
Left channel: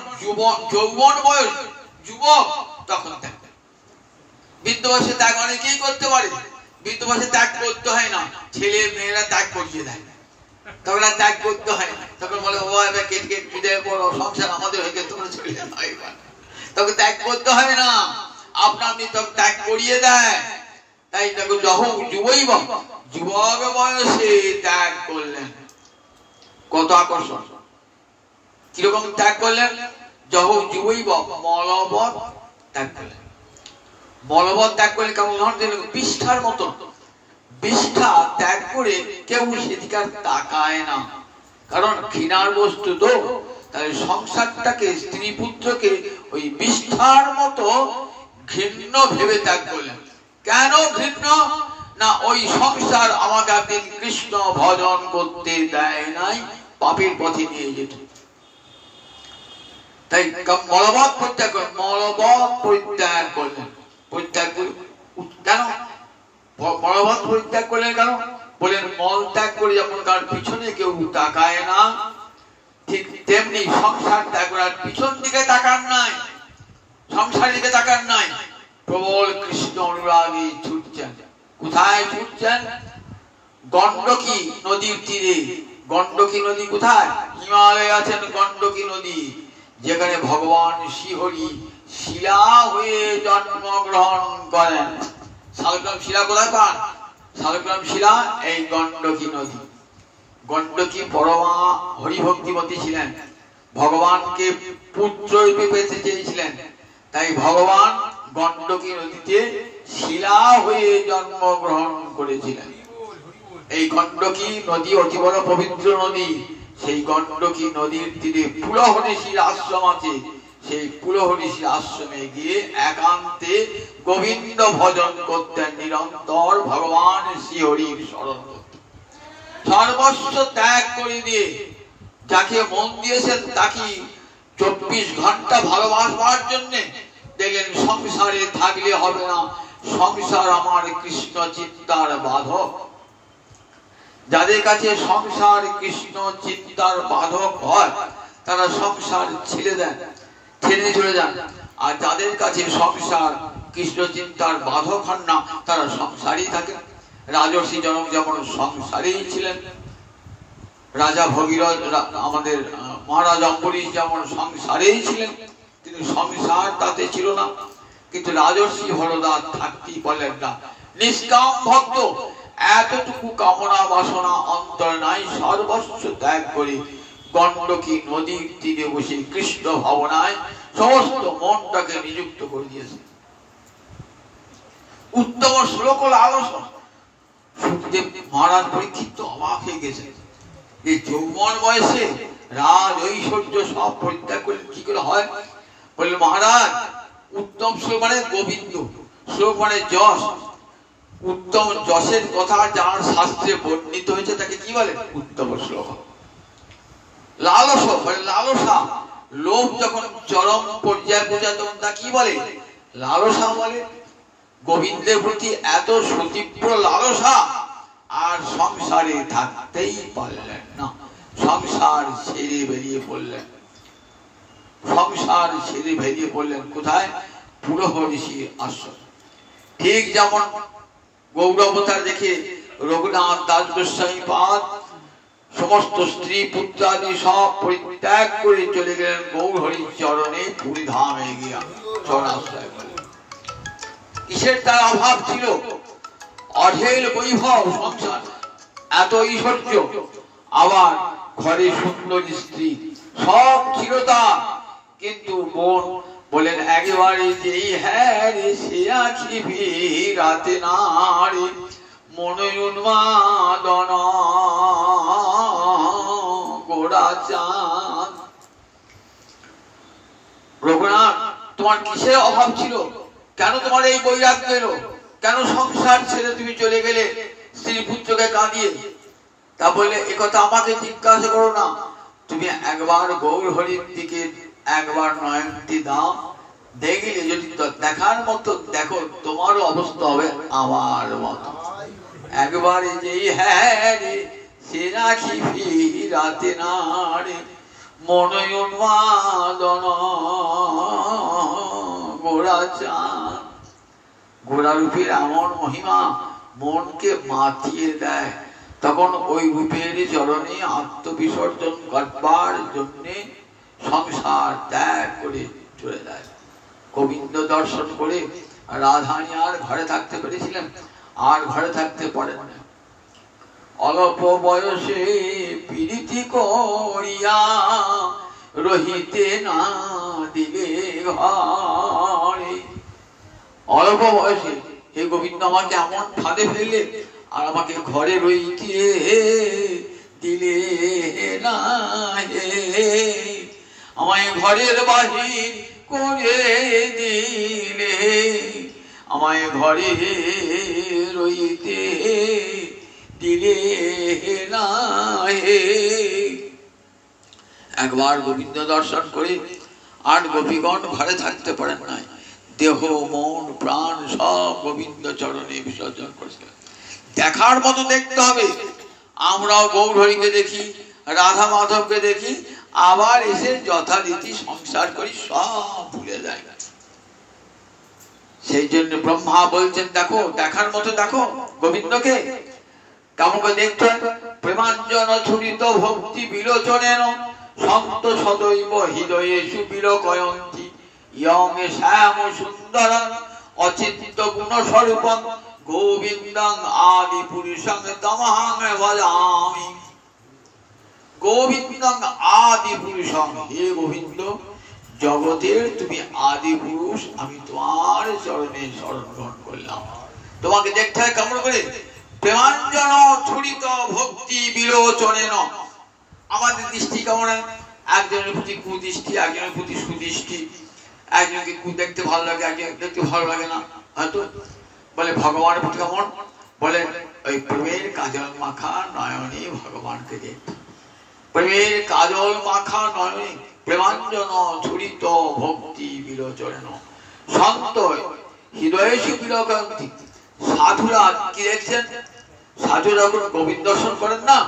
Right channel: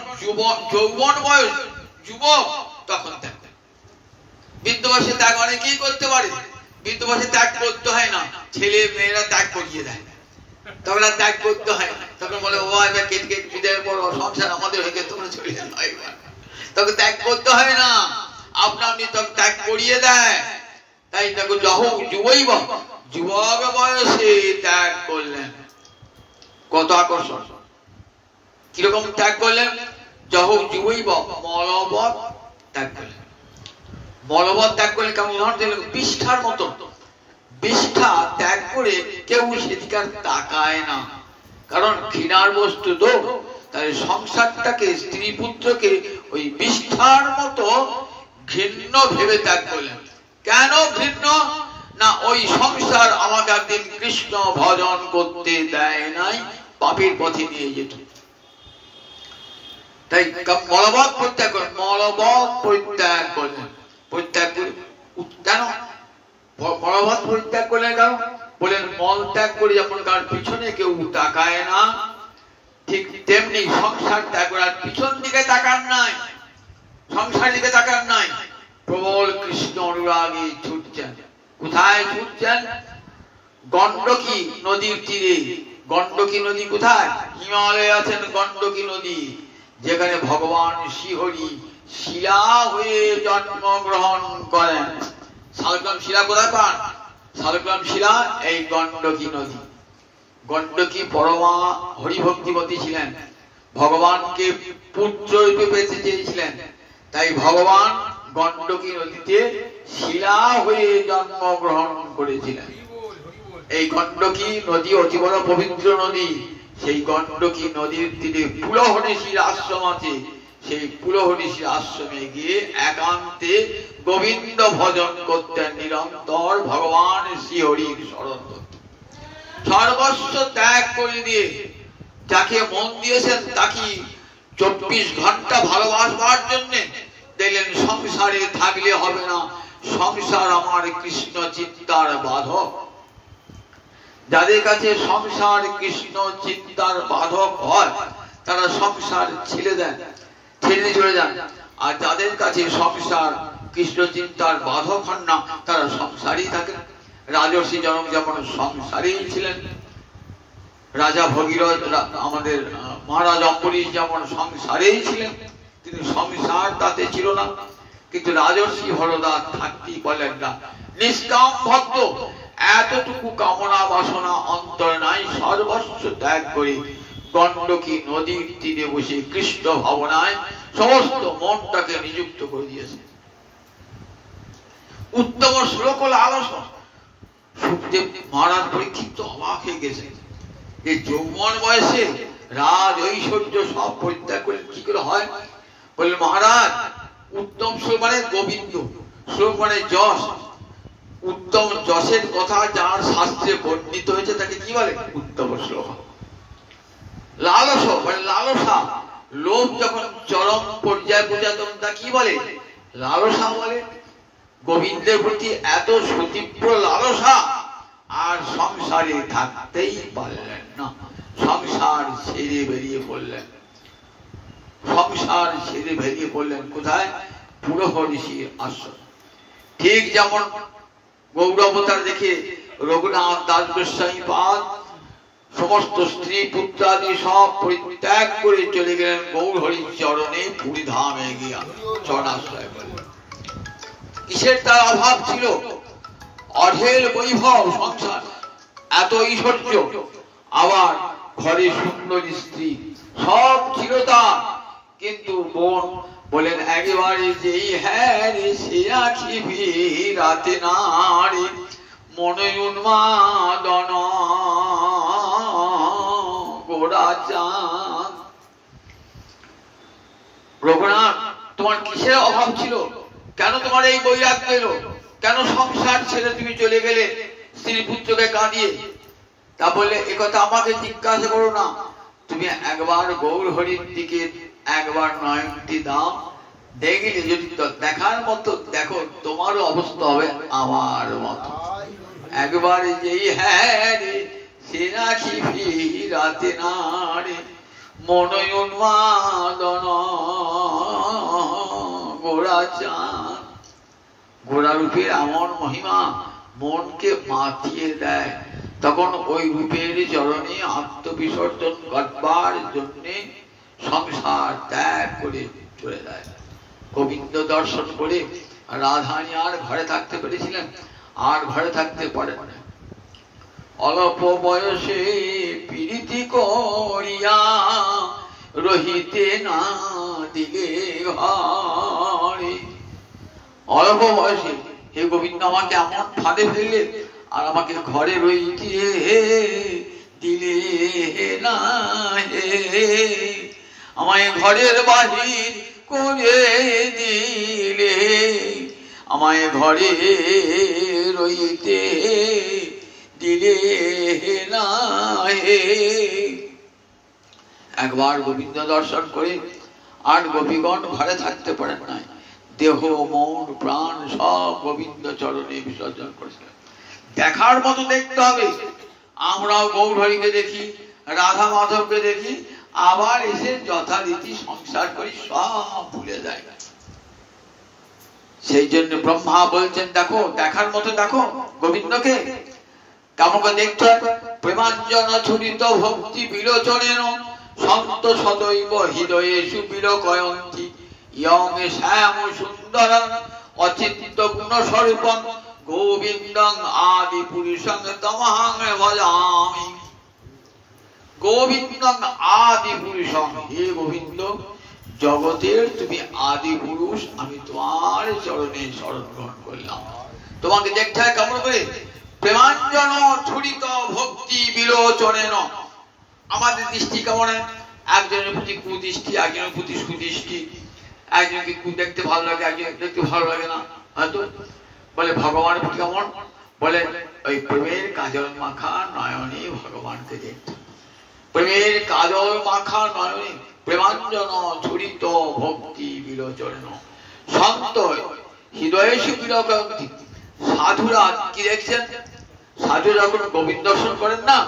যৌবন বয়স যুবক তখন ত্যাগ। বৃদ্ধ বয়সে ত্যাগ অনেকেই করতে পারে, বৃদ্ধ বয়সে ত্যাগ করতে হয় না, ছেলে মেয়েরা ত্যাগ করিয়ে দেয়, তখন আর ত্যাগ করতে হয় না। তখন বলে ও এবার কেটে বিদায় করো, সংসার আমাদের হয়ে গেছে, তোমরা চলে যাও, তখন ত্যাগ করতে হবে না, আপনা আপনি তখন ত্যাগ করিয়ে দেয়। তাই দেখো যখন যুবৈব যুবক বয়সে ত্যাগ করলেন, কত আকর্ষণ। কিরকম ত্যাগ করলেন? যুবই মলবৎ ত্যাগ করলেন। মলবৎ ত্যাগ করলেন কেমন? উদাহরণ দিলেন বিষ্ঠার মতো। বিষ্ঠা ত্যাগ করে কেউ সেদিকে তাকায় না, কারণ ঘৃণার বস্তু তো। তাই সংসারটাকে, স্ত্রী পুত্রকে ওই বিষ্ঠার মতো ঘৃণ্য ভেবে ত্যাগ করলেন। কেন ঘৃণ্য? না ওই সংসার আমাকে একদিন কৃষ্ণ ভজন করতে দেয় নাই, পাপের পথে নিয়ে যেত। তাই মলবৎ পরিত্যাগ করেন, মলবৎ পরিত্যাগ করলেন। পরিত্যাগ করে কেন মলবৎ পরিত্যাগ করলেন? কেন বলেন মল ত্যাগ করে যেমন তার পিছনে কেউ তাকায় না, ঠিক তেমনি সংসার ত্যাগ করার পিছন দিকে তাকান নাই, সংসার দিকে তাকান নাই, প্রবল কৃষ্ণ অনুরাগে ছুটছেন। কোথায় ছুটছেন? গণ্ডকী নদীর তীরে। গণ্ডকী নদী কোথায়? হিমালয়ে আছেন গণ্ডকী নদী, যেখানে ভগবান শ্রীহরি শিলা হয়ে জন্মগ্রহণ করেন। শালগ্রাম শিলা কোথায় পান? শালগ্রাম শিলা এই গণ্ডকী নদী। গণ্ডকী পরমা হরিভক্তিমতী ছিলেন, ভগবানকে পুত্র রূপে পেতে চেয়েছিলেন, তাই ভগবান গণ্ডকী নদীতে শিলা হয়ে জন্মগ্রহণ করেছিলেন। এই গণ্ডকী নদী অতি বড় পবিত্র নদী। সেই গণ্ডকী নদীর তীরে পুলহনীশীর আশ্রম আছে। সেই পুলহনীশীর আশ্রমে গিয়ে একান্তে গোবিন্দ ভজন করতেন, নিরন্তর ভগবান শ্রীহরির স্মরণ করতেন। সর্বস্ব ত্যাগ করে দিয়ে যাকে মন দিয়েছেন তাকে 24 ঘন্টা ভালোবাসবার জন্য দেখলেন সংসারে থাকলে হবে না, সংসার আমার কৃষ্ণ চিন্তার বাধক। যাদের কাছে সংসার কৃষ্ণ চিন্তার বাধক হয় তারা সংসার ছেড়ে দেন, ছেড়ে চলে যান। আর যাদের কাছে সংসার কৃষ্ণ চিন্তার বাধক হন না তারা সংসারেই থাকেন। রাজর্ষি জনক যেমন সংসারেই ছিলেন, রাজা ভগীরথ, আমাদের মহারাজ অম্বরীশ যেমন সংসারেই ছিলেন, তিনি সংসার তাতে ছিল না। কিন্তু রাজর্ষি হরদাস থাকতেই বলেন না, নিষ্কাম ভক্ত, এতটুকু কামনা বাসনা অন্তর নাই, সর্বস্ব ত্যাগ করে গণ্ডকী নদীর তীরে বসে কৃষ্ণ ভাবনায় সমস্ত মনটাকে নিযুক্ত করে দিয়েছে। উত্তম শ্লোক হল আলোচনা। সুখদেব মহারাজ পরীক্ষিত তো অবাক হয়ে গেছে, এই যৌবন বয়সে রাজ ঐশ্বর্য সব পরিত্যাগ করে কি করে হয়? বললেন মহারাজ, উত্তম শ্লোক মানে গোবিন্দ, শ্লোক মানে যশ। উত্তম যশের কথা যার শাস্ত্রে বর্ণিত হয়েছে তাকে কি বলে? উত্তম শ্লোক। লালসা বলে লালসা, লোভ যখন চরম পর্যায়ে পৌঁছায় তখন তা কি বলে? লালসা বলে। গোবিন্দের প্রতি এত সুতীব্র লালসা, আর সংসারে থাকতেই পারলেন না, সংসার ছেড়ে বেরিয়ে পড়লেন। সংসার ছেড়ে বেরিয়ে পড়লেন কোথায়? পুলহনীশীর আশ্রম। ঠিক যেমন গৌরবতার দেখে রঘুনাথ দাস গোস্বামী পাদ সমস্ত স্ত্রী পুত্রাদি সব পরিত্যাগ করে চলে গেলেন গৌরহরির চরণে, পুরী ধামে গিয়া চরণাশ্রয় করলেন। কিসের তার অভাব ছিল? অঢেল বৈভব, সংসার, এত ঐশ্বর্য, আবার ঘরে সুন্দর স্ত্রী, সব ছিল তার। কিন্তু বোন বলেন একেবারে যেই হ্যাঁ রে সে আখিবি রাতে না রে মনে উন্মাদন গোড়া চাঁদ। রঘুনাথ, তোমার কিসের অভাব ছিল? কেন তোমার এই বৈরাগ্য এলো? কেন সংসার ছেড়ে তুমি চলে গেলে স্ত্রী পুত্রকে কাঁদিয়ে? তা বলে একথা আমাকে জিজ্ঞাসা করো না, তুমি একবার গৌরহরির দিকে একবার নয়নটি দাও, দেখলে যদি দেখার মতো দেখো তোমারও অবস্থা হবে আমার মতো। একবার যেই হ্যাঁ রে সে রাখিবি রাতে না রে মনে উন্মাদন গোড়া চাঁদ। গোড়া রূপের এমন মহিমা মনকে মাতিয়ে দেয়, তখন ওই রূপের চরণে আত্মবিসর্জন করবার জন্য সংসার ত্যাগ করে চলে যায়। গোবিন্দ দর্শন করে রাধারানী আর ঘরে থাকতে পেরেছিলেন? আর ঘরে থাকতে পারেন না। অল্প বয়সে প্রীতি করিয়া রহিতে না দিলে ঘরে। অল্প বয়সে হে গোবিন্দ আমাকে এমন ফাঁদে ফেললে, আর আমাকে ঘরে রইতে দিলে না, আমায় ঘরের বাহির করে দিলে, আমায় ঘরে রইতে দিলে না। একবার গোবিন্দ দর্শন করে আর গোপীগণ ঘরে থাকতে পারেন নাই, দেহ মন প্রাণ সব গোবিন্দ চরণে বিসর্জন করেছে। দেখার মতো দেখতে হবে। আমরাও গৌরহরিকে দেখি, রাধা মাধবকে দেখি, আবার এসে যথারীতি সংসার করি, সব ভুলে যায়। সেই জন্য ব্রহ্মা বলছেন দেখো, দেখার মতো দেখো গোবিন্দকে। কেমন করে দেখতে? প্রেমাঞ্জন ছুরিত ভক্তি বিলোচনেন সন্ত সদৈব হৃদয়ে সুবিলোকয়ন্তি ইয়মে শ্যাম সুন্দর অচিন্ত গুণ স্বরূপং গোবিন্দং আদি পুরুষং তমহং ভজামি। গোবিন্দং আদি পুরুষং, হে গোবিন্দ জগতের তুমি আদি পুরুষ, আমি তোমার চরণে শরণ গ্রহণ করলাম। তোমাকে দেখতে হয় কেমন করে? প্রেমাঞ্জন ছুরিত ভক্তি বিলোচনেন। আমাদের দৃষ্টি কেমন? একজনের প্রতি কুদৃষ্টি, একজনের প্রতি সুদৃষ্টি। একজনকে দেখতে ভালো লাগে, একজন দেখতে ভালো লাগে না। হয়তো বলে ভগবানের প্রতি কেমন? বলে ওই প্রেমের কাজল মাখা নয়নে ভগবানকে দেখতে। প্রেমের কাজল মাখা নয়নে প্রেমাঞ্জন ছুরিত ভক্তি বিলোচনেন সন্ত হৃদয়ে সুবিলোকয়ন্তি। সাধুরা কি দেখছেন? সাধু যখন গোবিন্দ দর্শন করেন না,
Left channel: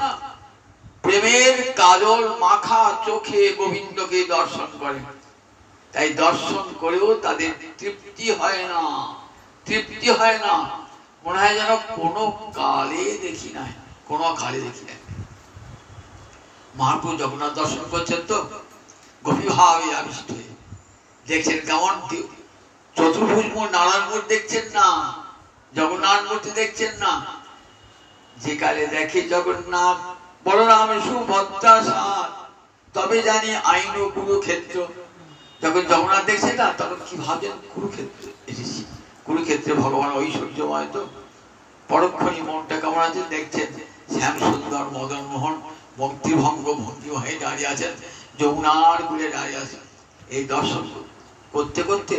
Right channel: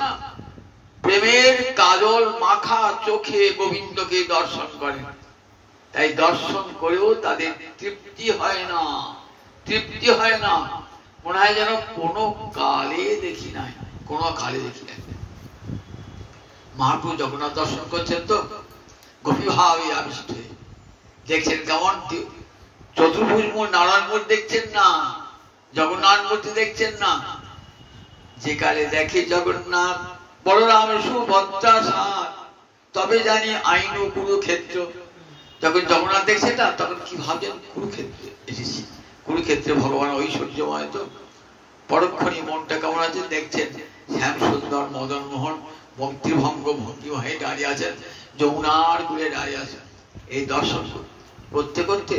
প্রেমের কাজল মাখা চোখে গোবিন্দকে দর্শন করেন। তাই দর্শন করেও তাদের তৃপ্তি হয় না, তৃপ্তি হয় না। মনে হয় যেন কোনো কালে দেখি নাই, কোনো কালে দেখি নাই। মহাপ্রভু জগন্নাথ দর্শন করছেন তো গভীরভাবে আবিষ্ট হয়ে দেখছেন কেমন? চতুর্ভুজ নারায়ণ মূর্তি দেখছেন না, জগন্নাথ মূর্তি দেখছেন না। যে কালে দেখে জগন্নাথ বলরাম সুভদ্রা সাত, তবে জানি আইন ও কুরুক্ষেত্র। যখন জগন্নাথ দেখছেন না, তখন কি ভাবছেন? কুরুক্ষেত্রে এসেছি, কুরুক্ষেত্রে ভগবান ঐশ্বর্যময় তো। পরক্ষণে মনটা কেমন আছে দেখছেন, শ্যাম সুন্দর মদন মোহন ভক্তিভঙ্গ ভঙ্গি হয়ে দাঁড়িয়ে আছেন, যমুনার কূলে দাঁড়িয়ে আছেন। এই দর্শন করতে করতে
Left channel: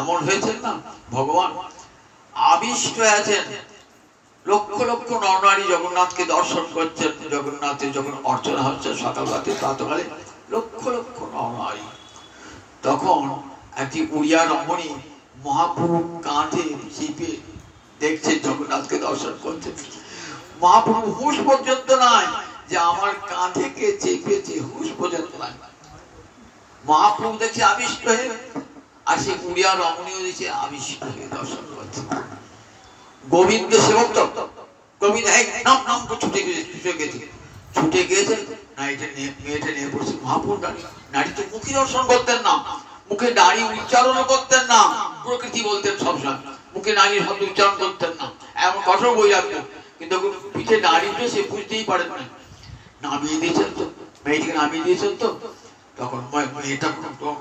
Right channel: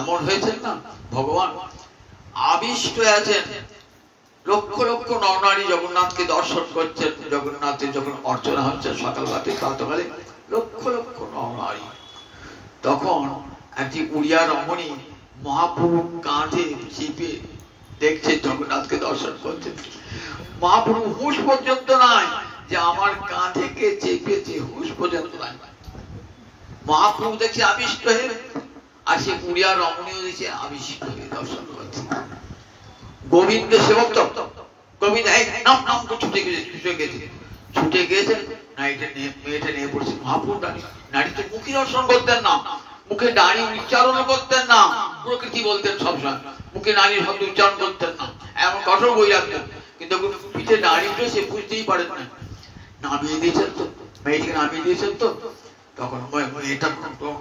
এমন হয়েছেন না, ভগবান আবিষ্ট আছেন। লক্ষ লক্ষ নরনারী জগন্নাথকে দর্শন করছেন। জগন্নাথের যখন অর্চনা হচ্ছে সকালবেলাতে প্রাতকালে, লক্ষ লক্ষ নরনারী। তখন একটি উড়িয়া রমণী মহাপ্রভু কাঁধে চেপে দেখছে জগন্নাথকে দর্শন করছেন। মহাপ্রভু হুঁশ পর্যন্ত নাই যে আমার কাঁধেকে চেপেছে, হুঁশ পর্যন্ত নাই। মহাপ্রভু দেখছে আবিষ্ট হয়ে, আর সে উড়িয়া রমণীও দেখছে আবিষ্ট হয়ে দর্শন করছে। গোবিন্দ সেবক তো গোবিন্দ নাম নাম ছুটে গেছে, ছুটে গিয়েছে মেয়েটা নিয়ে পড়ছে। মহাপ্রভু নারী তো মুখে দর্শন করতেন না, মুখে নারী উচ্চারণ করতেন না, প্রকৃতি বলতেন সবসময়, মুখে নারীর শব্দ উচ্চারণ করতেন না, এমন কঠোর বই রাখতেন। কিন্তু পিঠে নারী উঠে সে বুঝতেই পারেন না। নামিয়ে দিয়েছেন তো, মেয়েটিকে নামিয়ে দিয়েছেন তো। তখন মেয়েটা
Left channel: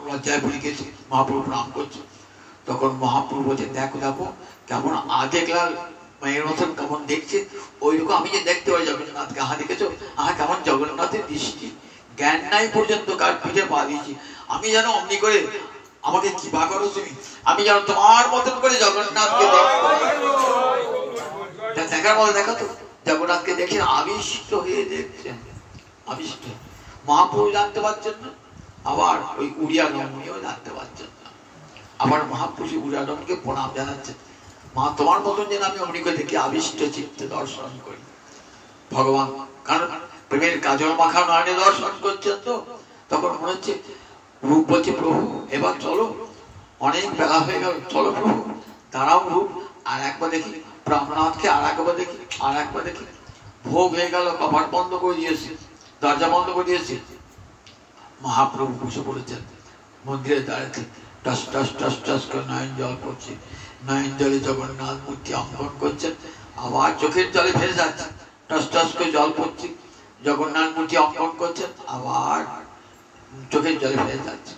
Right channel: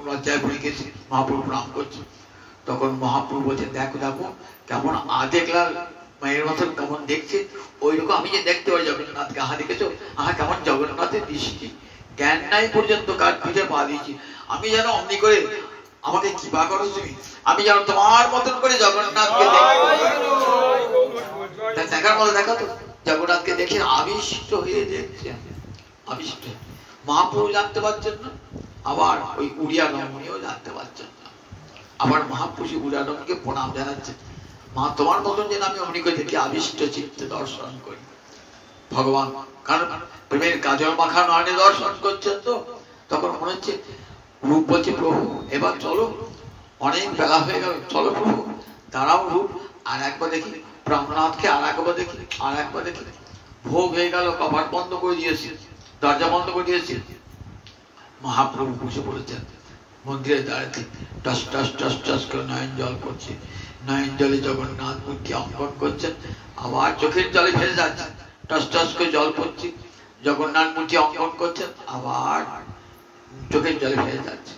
লজ্জায় পড়ে গেছে, মহাপ্রভু প্রণাম করছে। তখন মহাপ্রভু বলছেন দেখো দেখো কেমন দেখলাম মায়ের মতন কেমন দেখছে, ওইরকম আমি যে দেখতে পারি জগন্নাথকে। আহা দেখেছো, আহা কেমন জগন্নাথের দৃষ্টি, জ্ঞান নাই পর্যন্ত কার পিঠে পা দিয়েছি। আমি যেন অমনি করে, আমাকে কি বা করো তুমি, আমি যেন তোমার মতন করে জগন্নাথকে দেখবো। দেখার মতো দেখা তো, জগন্নাথকে দেখে আবিষ্ট হয়ে দেখছেন, আবিষ্ট। মহাপ্রভু জানতে পারছেন না, আবার ওই উড়িয়া রমণীও জানতে পারছেন না। আবার মহাপ্রভু উড়িয়া রমণীকে প্রণাম জানাচ্ছেন, মা তোমার মতন যেন আমি অমনি করে দেখি আবিষ্ট চিত্তে দর্শন করি ভগবান। কারণ প্রেমের কাজল মাখা নয়নে দর্শন করছেন তো। তখন মনে হচ্ছে রূপ বলছে প্রভু এবার চলো, অনেক বেলা হয়ে গেল, চলো প্রভু দাঁড়াও রূপ আর একবার দেখি, প্রাণনাথকে আর একবার দেখি, আর একবার দেখি। ভোগ হয়ে গেল, কপাট বন্ধ করে দিয়েছি, দরজা বন্ধ করে দিয়েছি। মহাপ্রভু বসে পড়েছেন মন্দিরে দাঁড়াতে, টস টস টস টস করে নয়ন জল করছে। নয়ন জলে জগন্নাথ মূর্তি অঙ্কন করছেন, আবার চোখের জলে ফেলে যাচ্ছে, টস টস করে জল পড়ছে। জগন্নাথ মূর্তি অঙ্কন করছেন, আবার চোখের জলে ভেসে যাচ্ছে।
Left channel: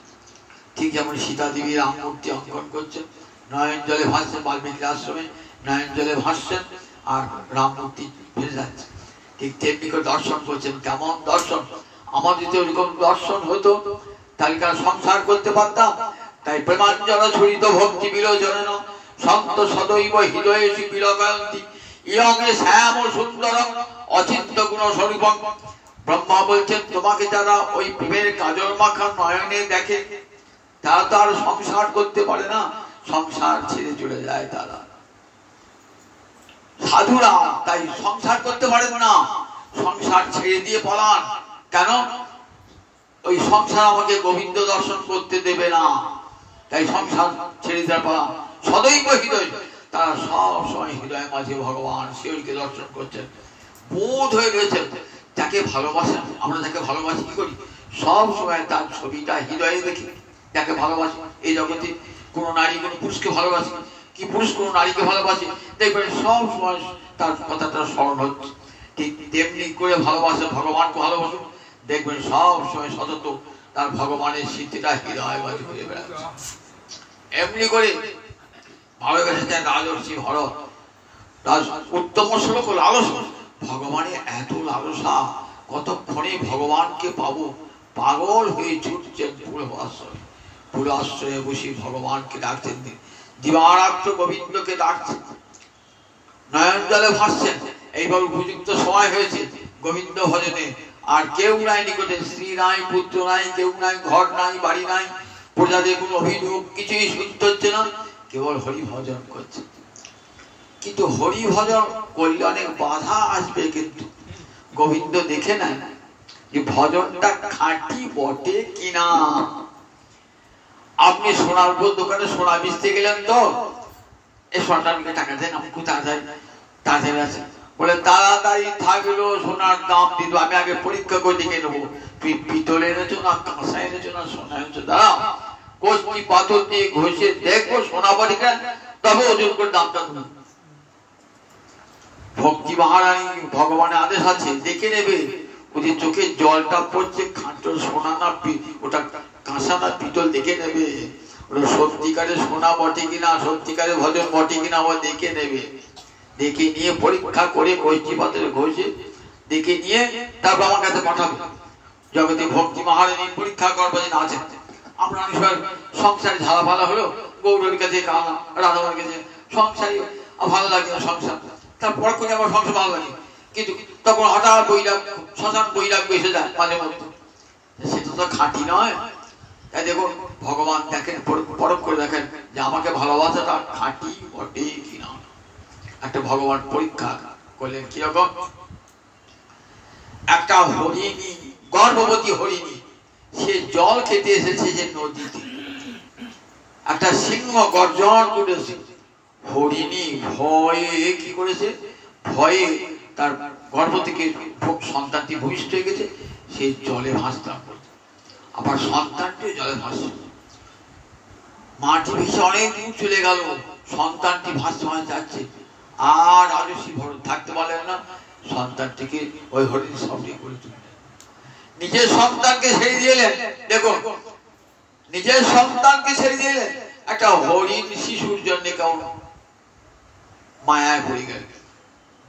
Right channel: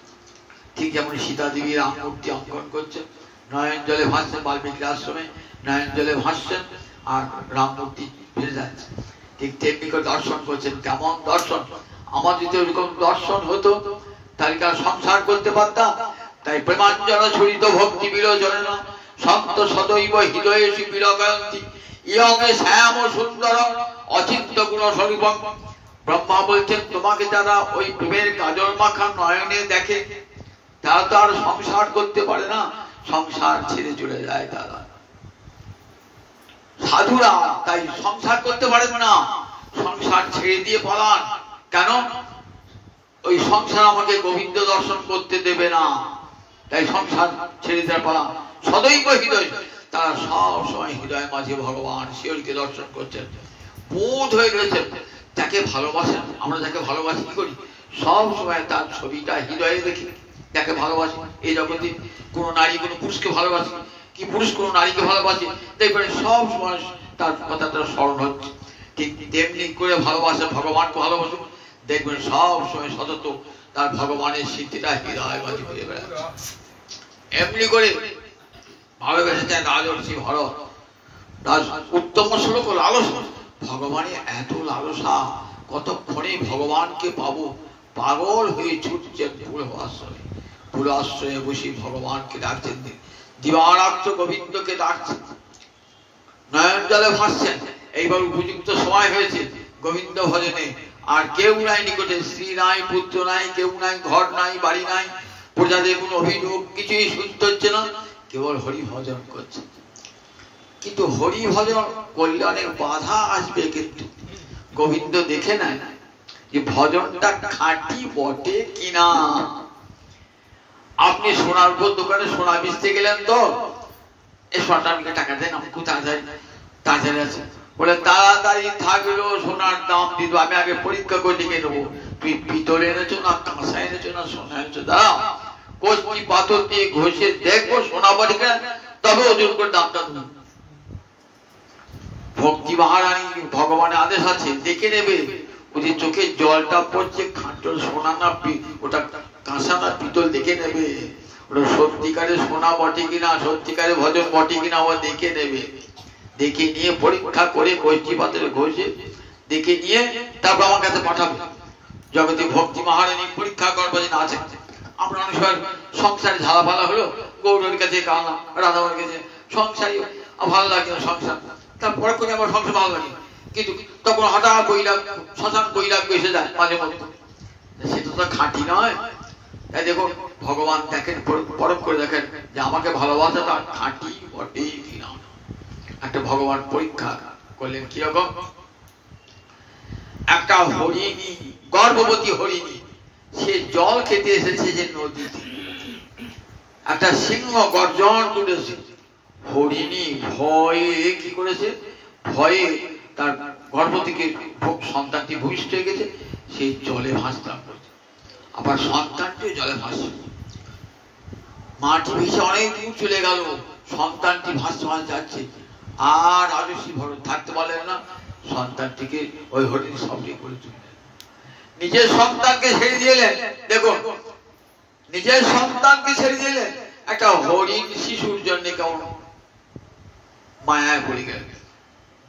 ঠিক যেমন সীতা দেবী রাম মূর্তি অঙ্কন করছেন, নয়ন জলে ভাসছেন, বাল্মীকি আশ্রমে নয়ন জলে ভাসছেন আর রাম মূর্তি ভেসে যাচ্ছে, ঠিক তেমনি করে দর্শন করছেন। কেমন দর্শন! আমার যদি ওরকম দর্শন হতো তাহলে কি সংসার করতে পারতাম? তাই প্রেমাঞ্জল ছড়িত ভক্তি বিলোচন সন্ত সদৈব হৃদয়েষি বিলকায়ন্তি ইয়ঙে শ্যাম সুন্দর অচিন্ত গুণ স্বরূপম। ব্রহ্মা বলছেন, তোমাকে যারা ওই প্রেমের কাজল মাখা নয়নে দেখে তারা তো আর সংসার করতে পারে না, সংসার ছেড়ে চলে যায় তারা। সাধুরা তাই সংসার করতে পারেন না, সংসার ছেড়ে দিয়ে পালান। কেন? ওই সংসার আমাকে গোবিন্দ দর্শন করতে দেবে না, তাই সংসার ছেড়ে দিয়ে পালান। সদৈব হৃদয়, তারা সব সময় হৃদয়ের মাঝে ভগবান শিবকে দর্শন করছেন, বোধ হয়ে রয়েছেন। যাকে ভালোবাসেন, আমরা যাকে ভালোবাসি কি করি? সব সময় তার ছবিটা হৃদয়ে দেখি, যাকে ভালোবাসি। এই জগতে কোনো নারী কোনো পুরুষকে ভালোবাসে কি পুরুষ কোনো নারীকে ভালোবাসে, দেখবেন সব সময় তার কথাটা স্মরণ হচ্ছে। ঠিক তেমনি করে ভালোবাসে, ভগবানকে ভালোবাসে, দেখবেন সব সময় সতত তার ভগবানের স্মৃতিটা হৃদয় মাঝে হয়ে বেড়াচ্ছে। এমনি করে ভালোবেসেছেন রাজর্ষি ভরত। উত্তম শ্লোক লালসা, ভগবানের এত লালসা, কতক্ষণে ভগবানকে পাবো, পাগল হয়ে ছুটছেন ফুল আশ্রয়ে। ফুল আশ্রয়ে বসে ভগবানকে ডাকছেন, দিবারাত্র গোবিন্দকে ডাকছেন, নয়ন জলে ভাসছেন। এইবার উপযুক্ত সময় হয়েছে গোবিন্দ ভজনে। আর কেউ নাই নিকটে, স্ত্রী নাই, পুত্র নাই, কেউ নাই, ঘর নাই, বাড়ি নাই, প্রজাদের কোনো অভিযোগ কিছুই শুনতে হচ্ছে না, কেবল হরি ভজন করছে। কিন্তু হরি ভজন করলে অনেক বাধা আসবে, কিন্তু গোবিন্দ দেখে নেয় যে ভজনটা খাঁটি বটে কিনা। আপনি সোনার দোকানে সোনা বেচতে গেলেন, তো এই সোনাটা আমাকে টাকা দেন, আমি খুব তাড়াতাড়ি আছে বলে, তাড়াতাড়ি থাকলো, সোনার দাম দিত, আমি আগে পরীক্ষা করে দেখে নেবো তুই পিতল এনেছো না কাঁসা এনেছো না সোনা এনেছো। দাঁড়া, কষ্টি পাথর দিয়ে ঘষে দেখবো সোনা বটে কিনা, তবে ওজন করে দামটা দেবো। ভক্তি মহারানী ভগবানের আদেশ আছে, দেখে নেবে ওদের চোখে জলটা পড়ছে খাঁটো সোনা না ওটা কাঁসা না পিতল, দেখে নেবে ওটা সত্যিকারে সোনা বটে কিনা, সত্যিকারে ভজন বটে কিনা, ও দেখে নেবে। দেখে নিয়ে পরীক্ষা করে কষ্টি পাথরে ঘষে দেখে নিয়ে তারপর আমার কাছে পাঠাবে। জগতে ভক্তি মহারানী পরীক্ষা করবো যে আছে। আমরা অনেক সময় সংসারে ঝালা ফালা হলো, গৌরের কাছে কালাম, রাধাবার কাছে, সংসারে ভালো লাগে না সংসার, তারপর করে আমার সংসার ভালো লাগে, কিন্তু তখন হঠাৎ বৈরাগ, শ্মশান বৈরাগ এসে যায় মাঝে মধ্যে, সেটা তো খাঁটি নয়। তাই দেখুন ভগবান দেখেন, পরখ করে দেখেন যে আমাকে ভালোবাসাটা খাঁটি বটে কিনা। একটা ভগবান পরীক্ষা করলেন, কিরকম? একটা হরিণী, গর্ভবতী হরিণী, সে জল খেতে এসেছে যে নদীতে, একটা সিংহ গর্জন তুলেছে। হরিণী ভয়ে কি করেছে? ভয়ে তার গর্ভ থেকে সন্তানটি ভূমিষ্ঠ হয়ে গেছে, সেই জলে ভাসতে করছে, আবার সন্তানটি জলে ভাসছে। মাটি ভেসে অনেক দূর চলে গেল, সন্তানটি ভাসতে ভাসতে যাচ্ছে, আর রাজর্ষি ভরত থাকতে পারলেন না, সন্তানটিকে ওই হরিণী সবটি করে তুললেন, নিজের সন্তানকে ছেড়ে দিলেন। দেখুন, নিজের সন্তানকে ছেড়ে দিলেন একটা হরিণ শিশুর জন্য, কেমন মায়ায় পড়ে গেলেন।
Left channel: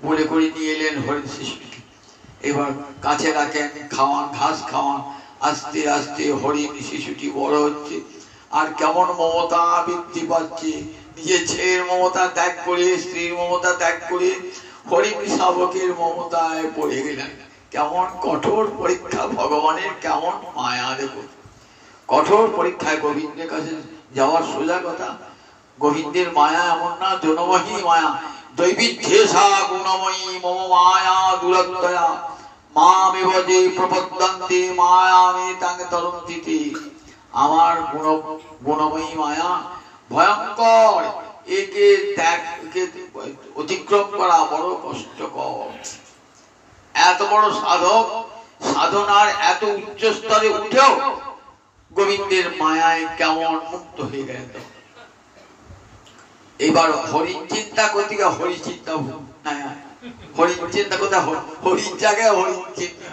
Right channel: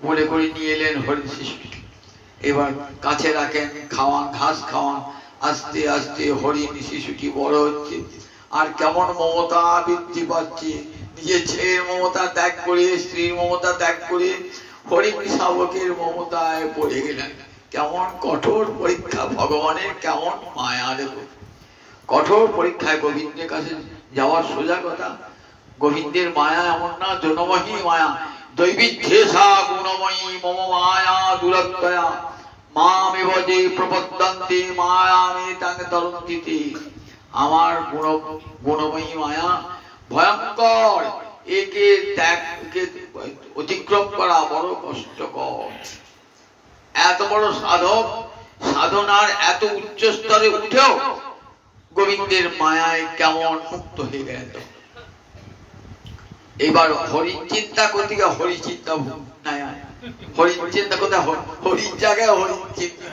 বলে করে নিয়ে এলেন হরিণ শিশুটি, এবার কাছে রাখেন, খাওয়ান, ঘাস খাওয়ান। আস্তে আস্তে হরিণ শিশুটি বড় হচ্ছে, আর কেমন মমতা বৃদ্ধি পাচ্ছে। নিজের ছেলের মমতা ত্যাগ করে, স্ত্রীর মমতা ত্যাগ করে হরিণ শাবকের মমতায় পড়ে গেলেন। কেমন কঠোর পরীক্ষা ভগবানের, কেমন মায়া! দেখুন, কঠোর পরীক্ষায় গোবিন্দের কাছে যাওয়ার সোজা কথা। গোবিন্দের মায়া এমন না, জনমহী মায়া। দৈবিধ্যেষা গুণময়ী মম মায়া দুরত্যয়া মামেব যে প্রপদ্যন্তে মায়ামে তাং তরন্তিতে। আমার গুণময়ী মায়া ভয়ঙ্কর, একে ত্যাগ, একে অতিক্রম করা বড় কষ্টকর। এত বড় সাধক, সাধনার এত উচ্চ স্তরে উঠেও গোবিন্দের মায়ায় কেমন মুক্ত হয়ে গেল। এবার হরিণ চিন্তা করতে গিয়ে হরি চিন্তা নাই, হরিণ চিন্তা কোথায়? হরিণ জায়গায় হরিণ চিন্তা,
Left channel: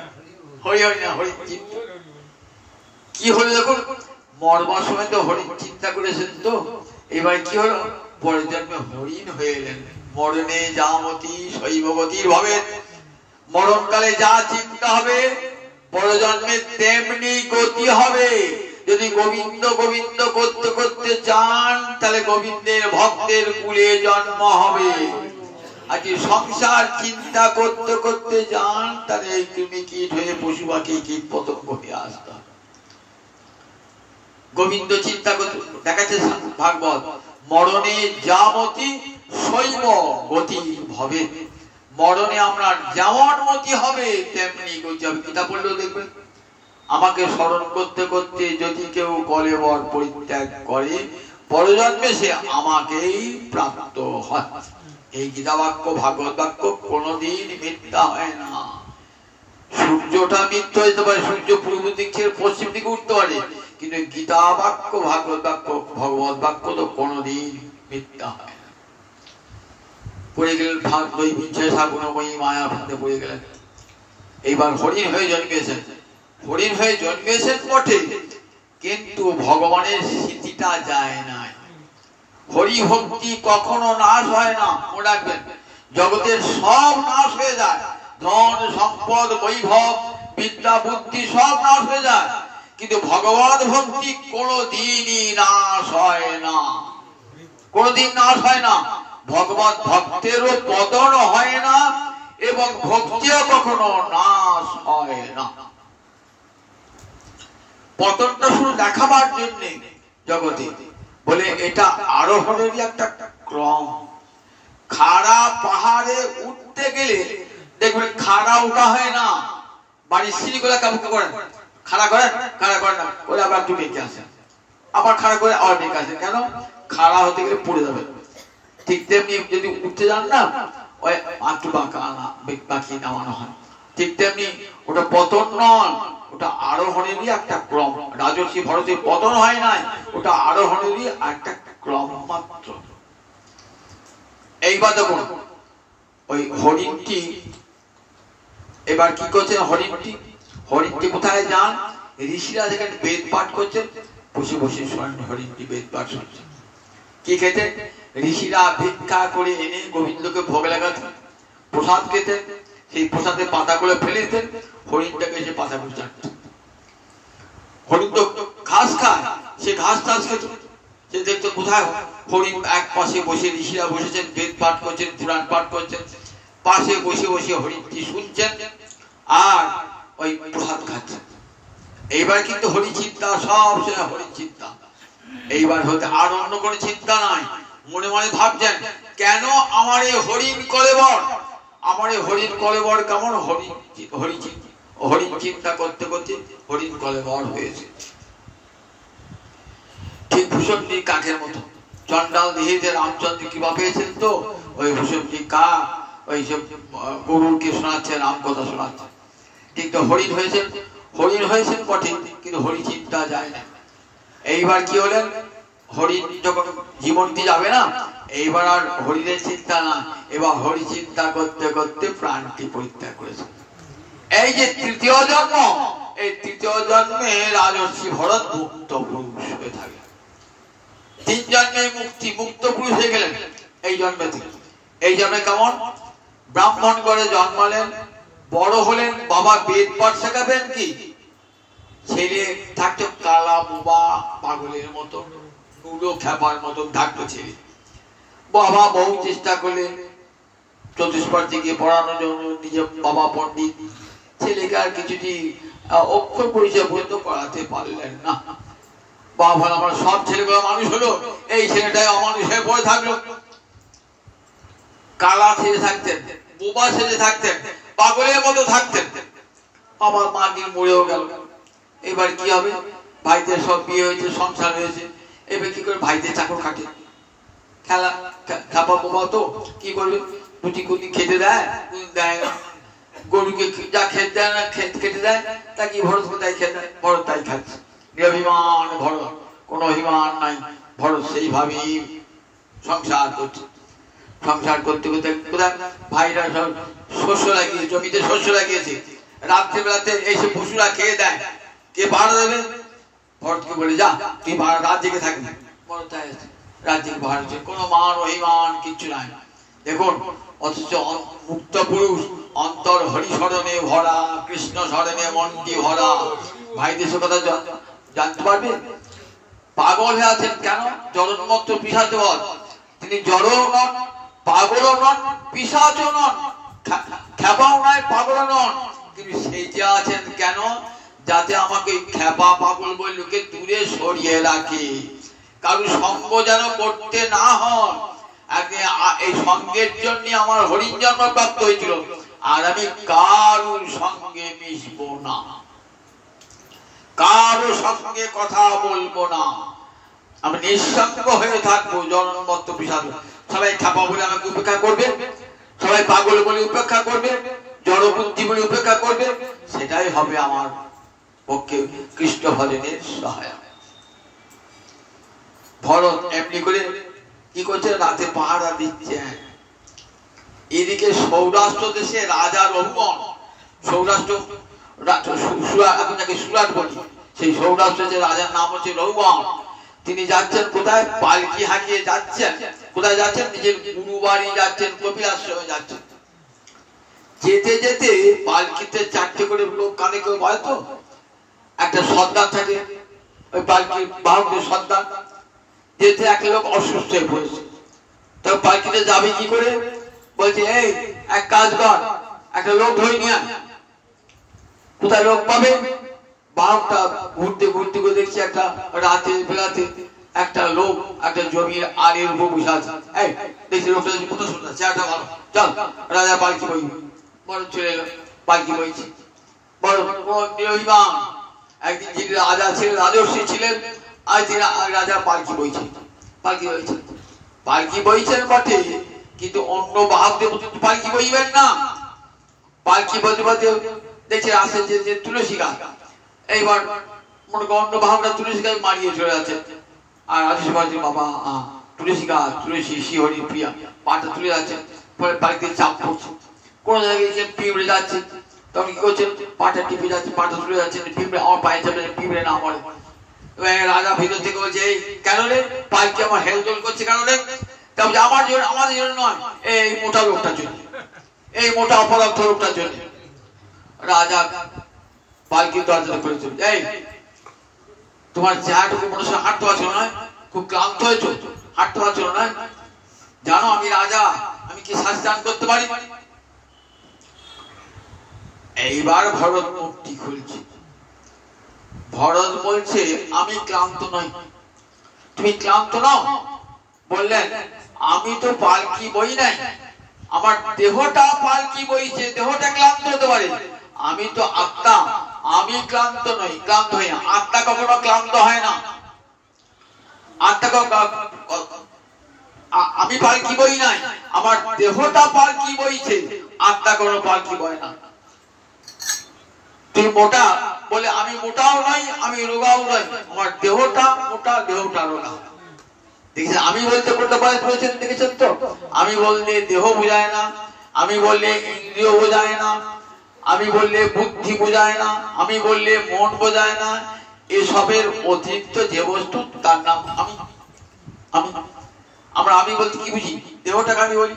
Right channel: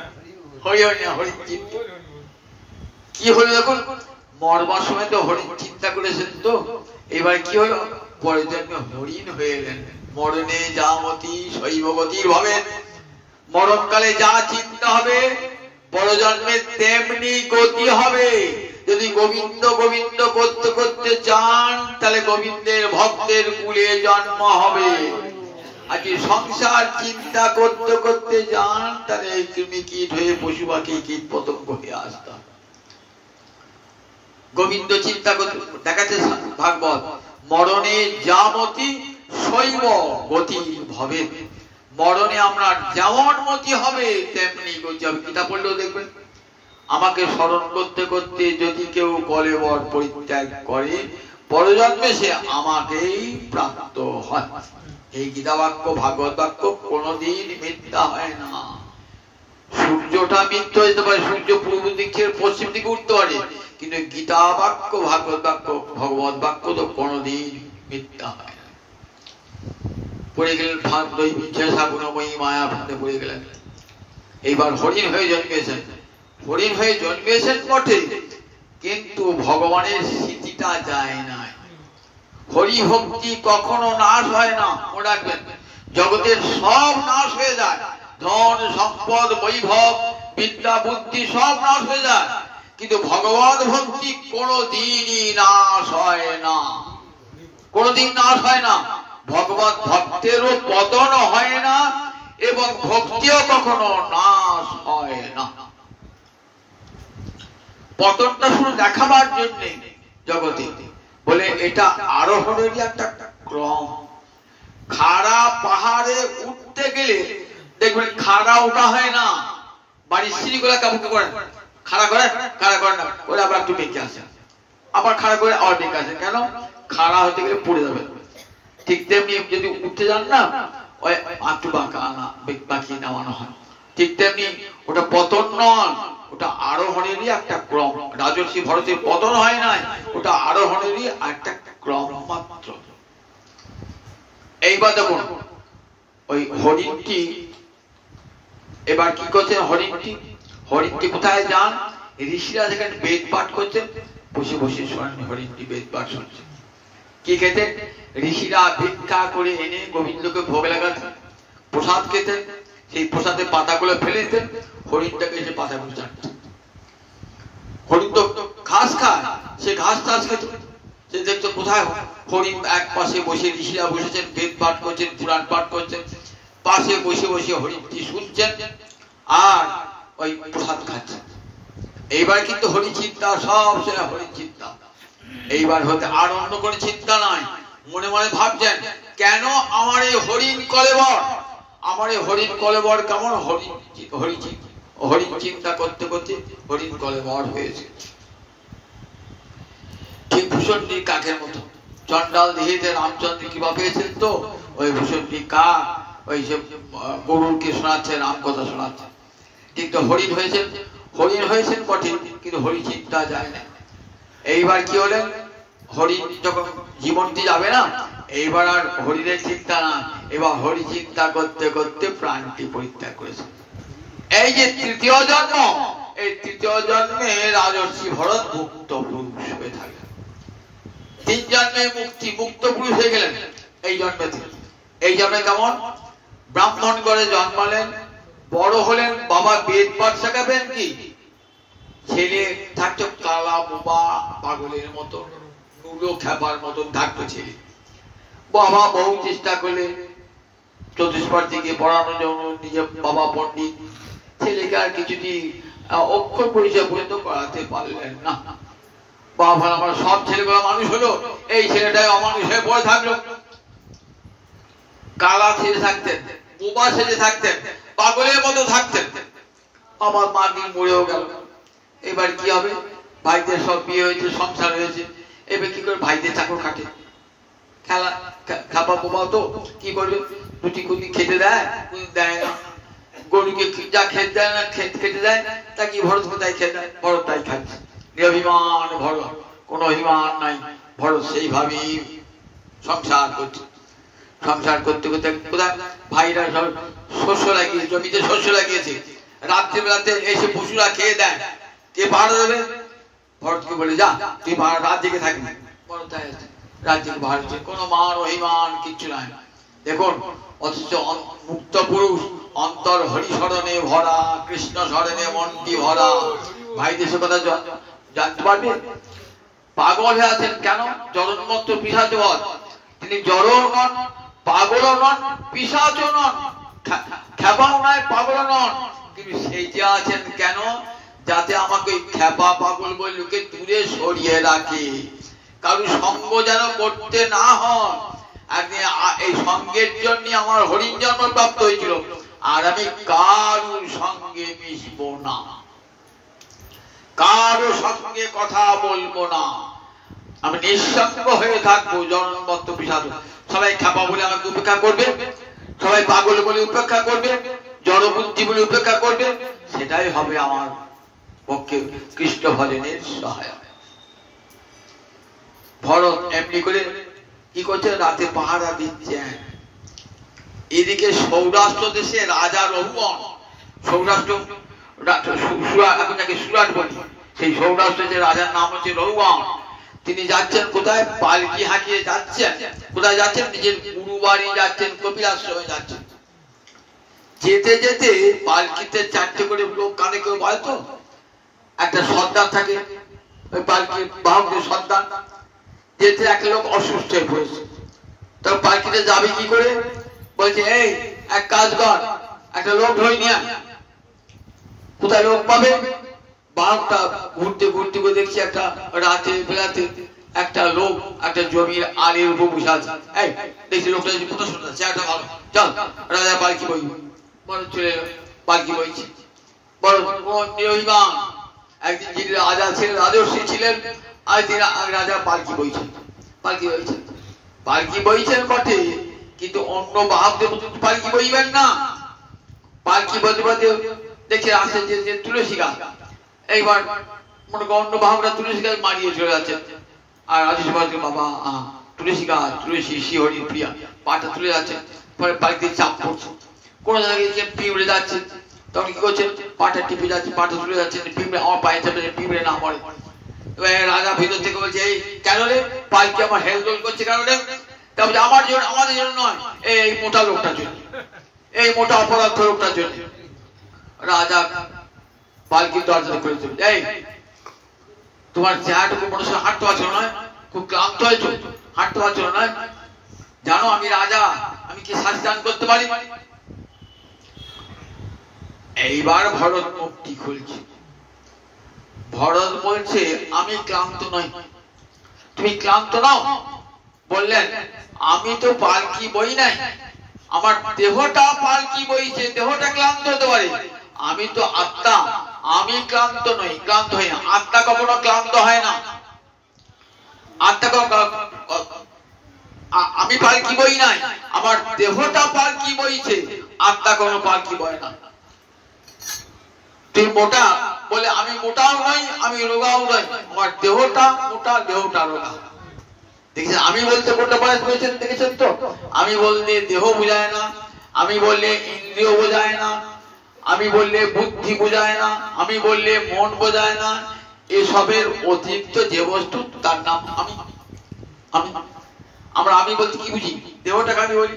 হরি হরি না হরিণ চিন্তা। কি হলো দেখুন, মরবার সময় তো হরিণ চিন্তা করেছেন, তো এবার কি হলো, পরের জন্মে হরিণ হয়ে এলেন। মরণে যা মতি শৈবগতির ভাবে, মরণকালে যা চিন্তা হবে পরজন্মে তেমনি গতি হবে। যদি গোবিন্দ গোবিন্দ করতে করতে চান তাহলে গোবিন্দের ভক্তের কুলে জন্ম হবে। আর যদি সংসার চিন্তা করতে করতে যান তাহলে কৃমি কীট হয়ে পশু পাখি কীট পতঙ্গ হয়ে আসতে হবে। গোবিন্দ চিন্তা করতে দেখাচ্ছে ভাগবত, মরণে যা মতি শৈব গতি ভবে। মরণে আমরা যেমন মতি হবে তেমনি গতি হবে। গীতা পড়লেও দেখবেন, আমাকে স্মরণ করতে করতে যদি কেউ কলেবর পরিত্যাগ করে পরজন্মে সে আমাকেই প্রাপ্ত হয়। এই গীতা বাক্য ভাগবত বাক্য কোনদিন মিথ্যা হয় না। সূর্যটা মিথ্যা হতে পারে, সূর্য পূর্ব দিক থেকে পশ্চিম দিকে উঠতে পারে, কিন্তু গীতা বাক্য ভাগবত বাক্য ভগবত বাক্য তো কোনদিন মিথ্যা হয় না। পড়ে গেলেন ভাগ দই বিচ্ছয় সাগুণময়ী মায়া ফাঁদে পড়ে গেলেন। এইবার হরিণ হয়ে জন্মেছেন, হরিণ হয়ে জন্মেছেন বটে, কিন্তু ভগবানের স্মৃতিটা যায় না। হরি ভক্তি কখনো নাশ হয় না, মনে রাখবেন। জগতের সব নাশ হয়ে যায়, ধন সম্পদ বৈভব বিদ্যা বুদ্ধি সব নাশ হয়ে যায়, কিন্তু ভগবত ভক্তি কোনদিনই নাশ হয় না, কোনদিন নাশ হয় না। ভগবত ভক্তেরও পতন হয় না এবং ভক্তিও কখনো নাশ হয় না। পতনটা শুধু দেখাবার জন্য জগতে বলে, এটা আরোহণেরই একটা ক্রম। খাড়া পাহাড়ে উঠতে গেলে দেখবেন খাড়া ওঠা হয় না, বাড়ির সিঁড়িগুলা কেমন করেন, খাড়া করেন, খাড়া করেন না, ওরা আবার একটু বেঁকে আসেন, আবার খাড়া করে আবার বেঁকে আসেন। কেন? খাড়া হতে গেলে পড়ে যাবে। ঠিক তেমনি যদি উঠতে যান না, ওই একটু বাঁকিয়ে নামানো হয়। ঠিক তেমনি ওটা পতন নয়, ওটা আরোহণেরই একটা ক্রম। রাজর্ষি ভরতের পতন হয় নাই, ওটা আরোহণেরই একটা ক্রম মাত্র। এইবার দেখুন ওই হরিণটি এবার কি করছেন, হরিণটি কোথায় যান, ঋষিরা যেখানে বেদ পাঠ করছেন বসে বসে শোনেন, হরিণটি বেদ পাঠ শুনছে। কি খেতেন, ঋষিরা ভিক্ষা করে এনে গোবিন্দকে ভোগ লাগাতেন, প্রসাদ খেতেন, সেই প্রসাদের পাতাগুলো ফেলে দিতেন, হরিণটাকে সে পাতাগুলো চাটতেন। হরিণ তো ঘাস খায়, সে ঘাস টাস খেত, সে দেখতো কোথায় হরিণ এক পাশে বসে, ঋষিরা বসেছেন বেদ পাঠ করছেন, পুরাণ পাঠ করছেন, পাশে বসে বসে হরিণটি শুনছেন আর ওই প্রসাদ খাচ্ছেন। এইবার কিন্তু হরি চিন্তা, সব সময় হরি চিন্তা। এইবার হতে আর অন্য কোনো চিন্তা নাই। মনে মনে ভাবছেন, কেন আমার এই হরিণ কলেবর, আমার এই হরিণ কলেবর কেমন, হরিণ চিন্তা করতে করতে হরিণ কলেবর হয়েছে। ঠিক ভূষণটি কাকের মতো, চন্ডাল দেহে রামচন্দ্র কৃপা পেয়েছেন, তো ওই ভূষণটি কাক ওই সে গরুরকে শোনাচ্ছে, রাম কথা শোনাচ্ছে। ঠিক তো হরিণ হয়েছেন বটে, কিন্তু হরি চিন্তা যায় না। এইবার কি হলেন, হরিণ যখন জীবনটি যাবে না, এইবার আর হরিণের চিন্তা না, এবার হরি চিন্তা করতে করতে প্রাণটি পরিত্যাগ করেছে। এই যে তৃতীয় জন্ম, এই তৃতীয় জন্মে রাজর্ষি ভরত মুক্ত পুরুষ হয়ে থাকে। 3 জন্মে মুক্ত পুরুষ হয়ে গেলেন। এই জন্মে কেমন, ব্রাহ্মণ ঘরে জন্মালেন, বড় হলেন, বাবা বেদ পাঠ শেখাবেন, কি ছেলে থাকতো কালা বোবা পাগলের মতো, নুলো খেপার মতন থাকতো ছেলে। বাবা বহু চেষ্টা করলেন চতুষ্পাঠে গিয়ে পড়ানোর জন্য, নিজে বাবা পণ্ডিত, ছেলেকে আর কিছুটি অক্ষর পরিচয় পর্যন্ত করাতে পারলেন না। বাবা আমার সব ছেলেগুলো মানুষ হলো, এই ছেলেটাই অমানুষ হয়ে পড়ে থাকলো। কালা ছেলে থাকতেন, বোবা ছেলে থাকতেন, পাগলের মতো থাকতেন। আমার মা কি মরেও গেল। এবার কি হবে, ভাইদের সব বিয়ে হয়েছে, সংসার হয়েছে, এবার কি করে ভাইদের চাকর কাটে, খেলা খাপা বোবা তো কি করবে, দুটি কুটি খেতে দেয়, দেয় না। গরুকে যা খেতে দেয় না, খেতে দেয়, তা কি ভরত কোথায় খেতে দেয়, ভরত তাই খাচ্ছে। নিরভিমান ভরত, কোনো অভিমান নাই, ভরত সেইভাবেই সংসার করছে। সংসার করতে করতে কোথায় ভাইরা সব শস্য লাগিয়েছে, জমিতে শস্য লাগিয়েছে, রাত্রিবেলাতে এসে পশুরা খেয়ে দেয়, কে পাহারা দেবে, ভরতকে বলে যা তুই রাত জেগে থাকবি। ভরত রাত জেগে বাহার হচ্ছে, কোনো মান অভিমান কিচ্ছু নাই। দেখুন অথচ মুক্ত পুরুষ, অন্তর হরিশরণে ভরা, কৃষ্ণ শরণে মনটি ভরা। ভাই দেশের কথা জানতে পারবে। পাগল হয়ে আছেন কেন? জগন্মত্ত পিশাচবধ। তিনি জড়ও নন, পাগলও নন, পিশাচও নন, খ্যাপাও নয়, পাগল নন। কিন্তু সেই যে আছেন কেন? যাতে আমাকে খ্যাপা পাগল বলে লোকে দূরে সরিয়ে রাখে, কারণ সঙ্গ যেন করতে না হন। এই সঙ্গের জন্য আমার হরিণ জন্ম প্রাপ্ত হয়েছিল, আর আমি কারোর সঙ্গে মিশবো না, কারো সঙ্গে কথা বলবো না, আমি নিঃসঙ্গ হয়ে থাকবো। জন্মত্ব পিশাচ। সবাই খ্যাপা বলে আমাকে উপেক্ষা করবে, সবাই পাগল বলে উপেক্ষা করবে, জড়বুদ্ধি বলে উপেক্ষা করবে, সেটাই হবে আমার পক্ষে কৃষ্ণ ভজনের সহায়ক। ভরত এমনি করে কি করছে? রাতে পাহারা দিচ্ছেন। এদিকে সৌরাষ্ট্র দেশে রাজা রঘুগণ, সৌরাষ্ট্র এখন তাকে সুরাট বলি, সেই সৌরাষ্ট্রের যে রাজার নাম হচ্ছে রঘুগণ। তিনি যাচ্ছেন কোথায়? পালকি হাঁকিয়ে যাচ্ছেন। কোথায় যাচ্ছেন? নিজের গুরু বাড়ি যাচ্ছেন, কপিলাশ্রমে যাচ্ছেন। যেতে যেতে পালকিতে চারটে করে লোক কানে কেউ বয় তো, একটা সর্দার থাকে, ওই পালকি বাহকের সর্দার। যেতে একটা লোক অসুস্থ হয়ে পড়েছে, তখন পালকিতে যাবে কি করে? বলছে এই এক কাজ কর, একটা লোক ধরে নিয়ে। কোথায় লোক পাবে? বাহকটা ঘুরতে ঘুরতে করে দেখছি একটা রাতে বেলাতে একটা লোক একটা জমির আলের উপর বসে আছে। এই দেখছি লোকটা কত সুন্দর, চেহারাটা ভালো, চল রাজা পালকি বই। বড় চলে এলো, পালকি বইছে। বড় নিরভিমান একদিন যিনি রাজা ছিলেন, রাজর্ষি ছিলেন, আজ তিনি রাজা পালকি বইছেন। পালকি বইছেন, পালকি বইছেন বটে, কিন্তু অন্য বাহকদের পালকি বইবেন না। পালকি বলতে বলতে দেখে আসে যে তুলসী গাছ। এইবার মনে করেন অন্য বাহকরা তুলসী গাছ মারিয়ে চলে যাচ্ছে, আর রাজস্বী বলছে বাবা তুলসী গাছ, তুলসী শ্রীহরি প্রিয়া, পাটা তুলে যাচ্ছে। পরে পালকি চাপ পড়ছে, কোন জায়গায় পিঁপড়ে যাচ্ছে, তখন কি করছেন? পাটা টিপে যাচ্ছে, পাটা তুলে যাচ্ছে, পিঁপড়ে আমার পায়ে চাপে, পিঁপড়ে না মরে। রাজা ভিতর থেকে বলছে এই কেন রে পালকি আমার হেলদোল করছে কেন রে? তারপরে আমার জন্য, আমাদের জন্য নয়, এই মোটা লোকটার জন্য, এই মোটা অপরাধ লোকটার জন্য। রাজা পালকির দরজা করে চলে, এই তোমার চেহারাটুকু মনে হয় হাঁটতে পারছো না, খুব ক্লান্ত হয়েছো, হাঁটতে পারছো না, জানো আমি রাজা, আমি কি শাস্তি দান করতে পারি? এইবার ভরত মুক্তি খুলছে। ভরত বলছে আমি ক্লান্ত নই। তুমি ক্লান্ত নাও? বললেন আমি তো পালকি বই নাই, আমার দেহটা পালকি বইছে, দেহটা ক্লান্ত হতে পারে, আমি তো আত্মা, আমি ক্লান্ত নই, ক্লান্ত হই না। আত্মা কখনো ক্লান্ত হয় না। আত্মা আমি পালকি বই নাই, আমার দেহটা পালকি বইছে, আত্মা কোনো পালকি বয় না। তুই মোটা বলে আমি মোটাও নাই, আমি রোগাও নাই, আমার দেহটা মোটা, দেহটা রোগা। দেখছেন আমি বলতে কোনটা বলেছেন, দেখেছেন তো? আমি বললে দেহ বোঝায় না, আমি বললে ইন্দ্রিয় বোঝায় না, আমি বললে বুদ্ধি বোঝায় না, আমি বললে মন বোঝায় না। এসবের অতিরিক্ত যে বস্তু তার নাম আমি। আমি আমরা আমি বলতে কি বুঝি? দেহটাকে আমি বলি।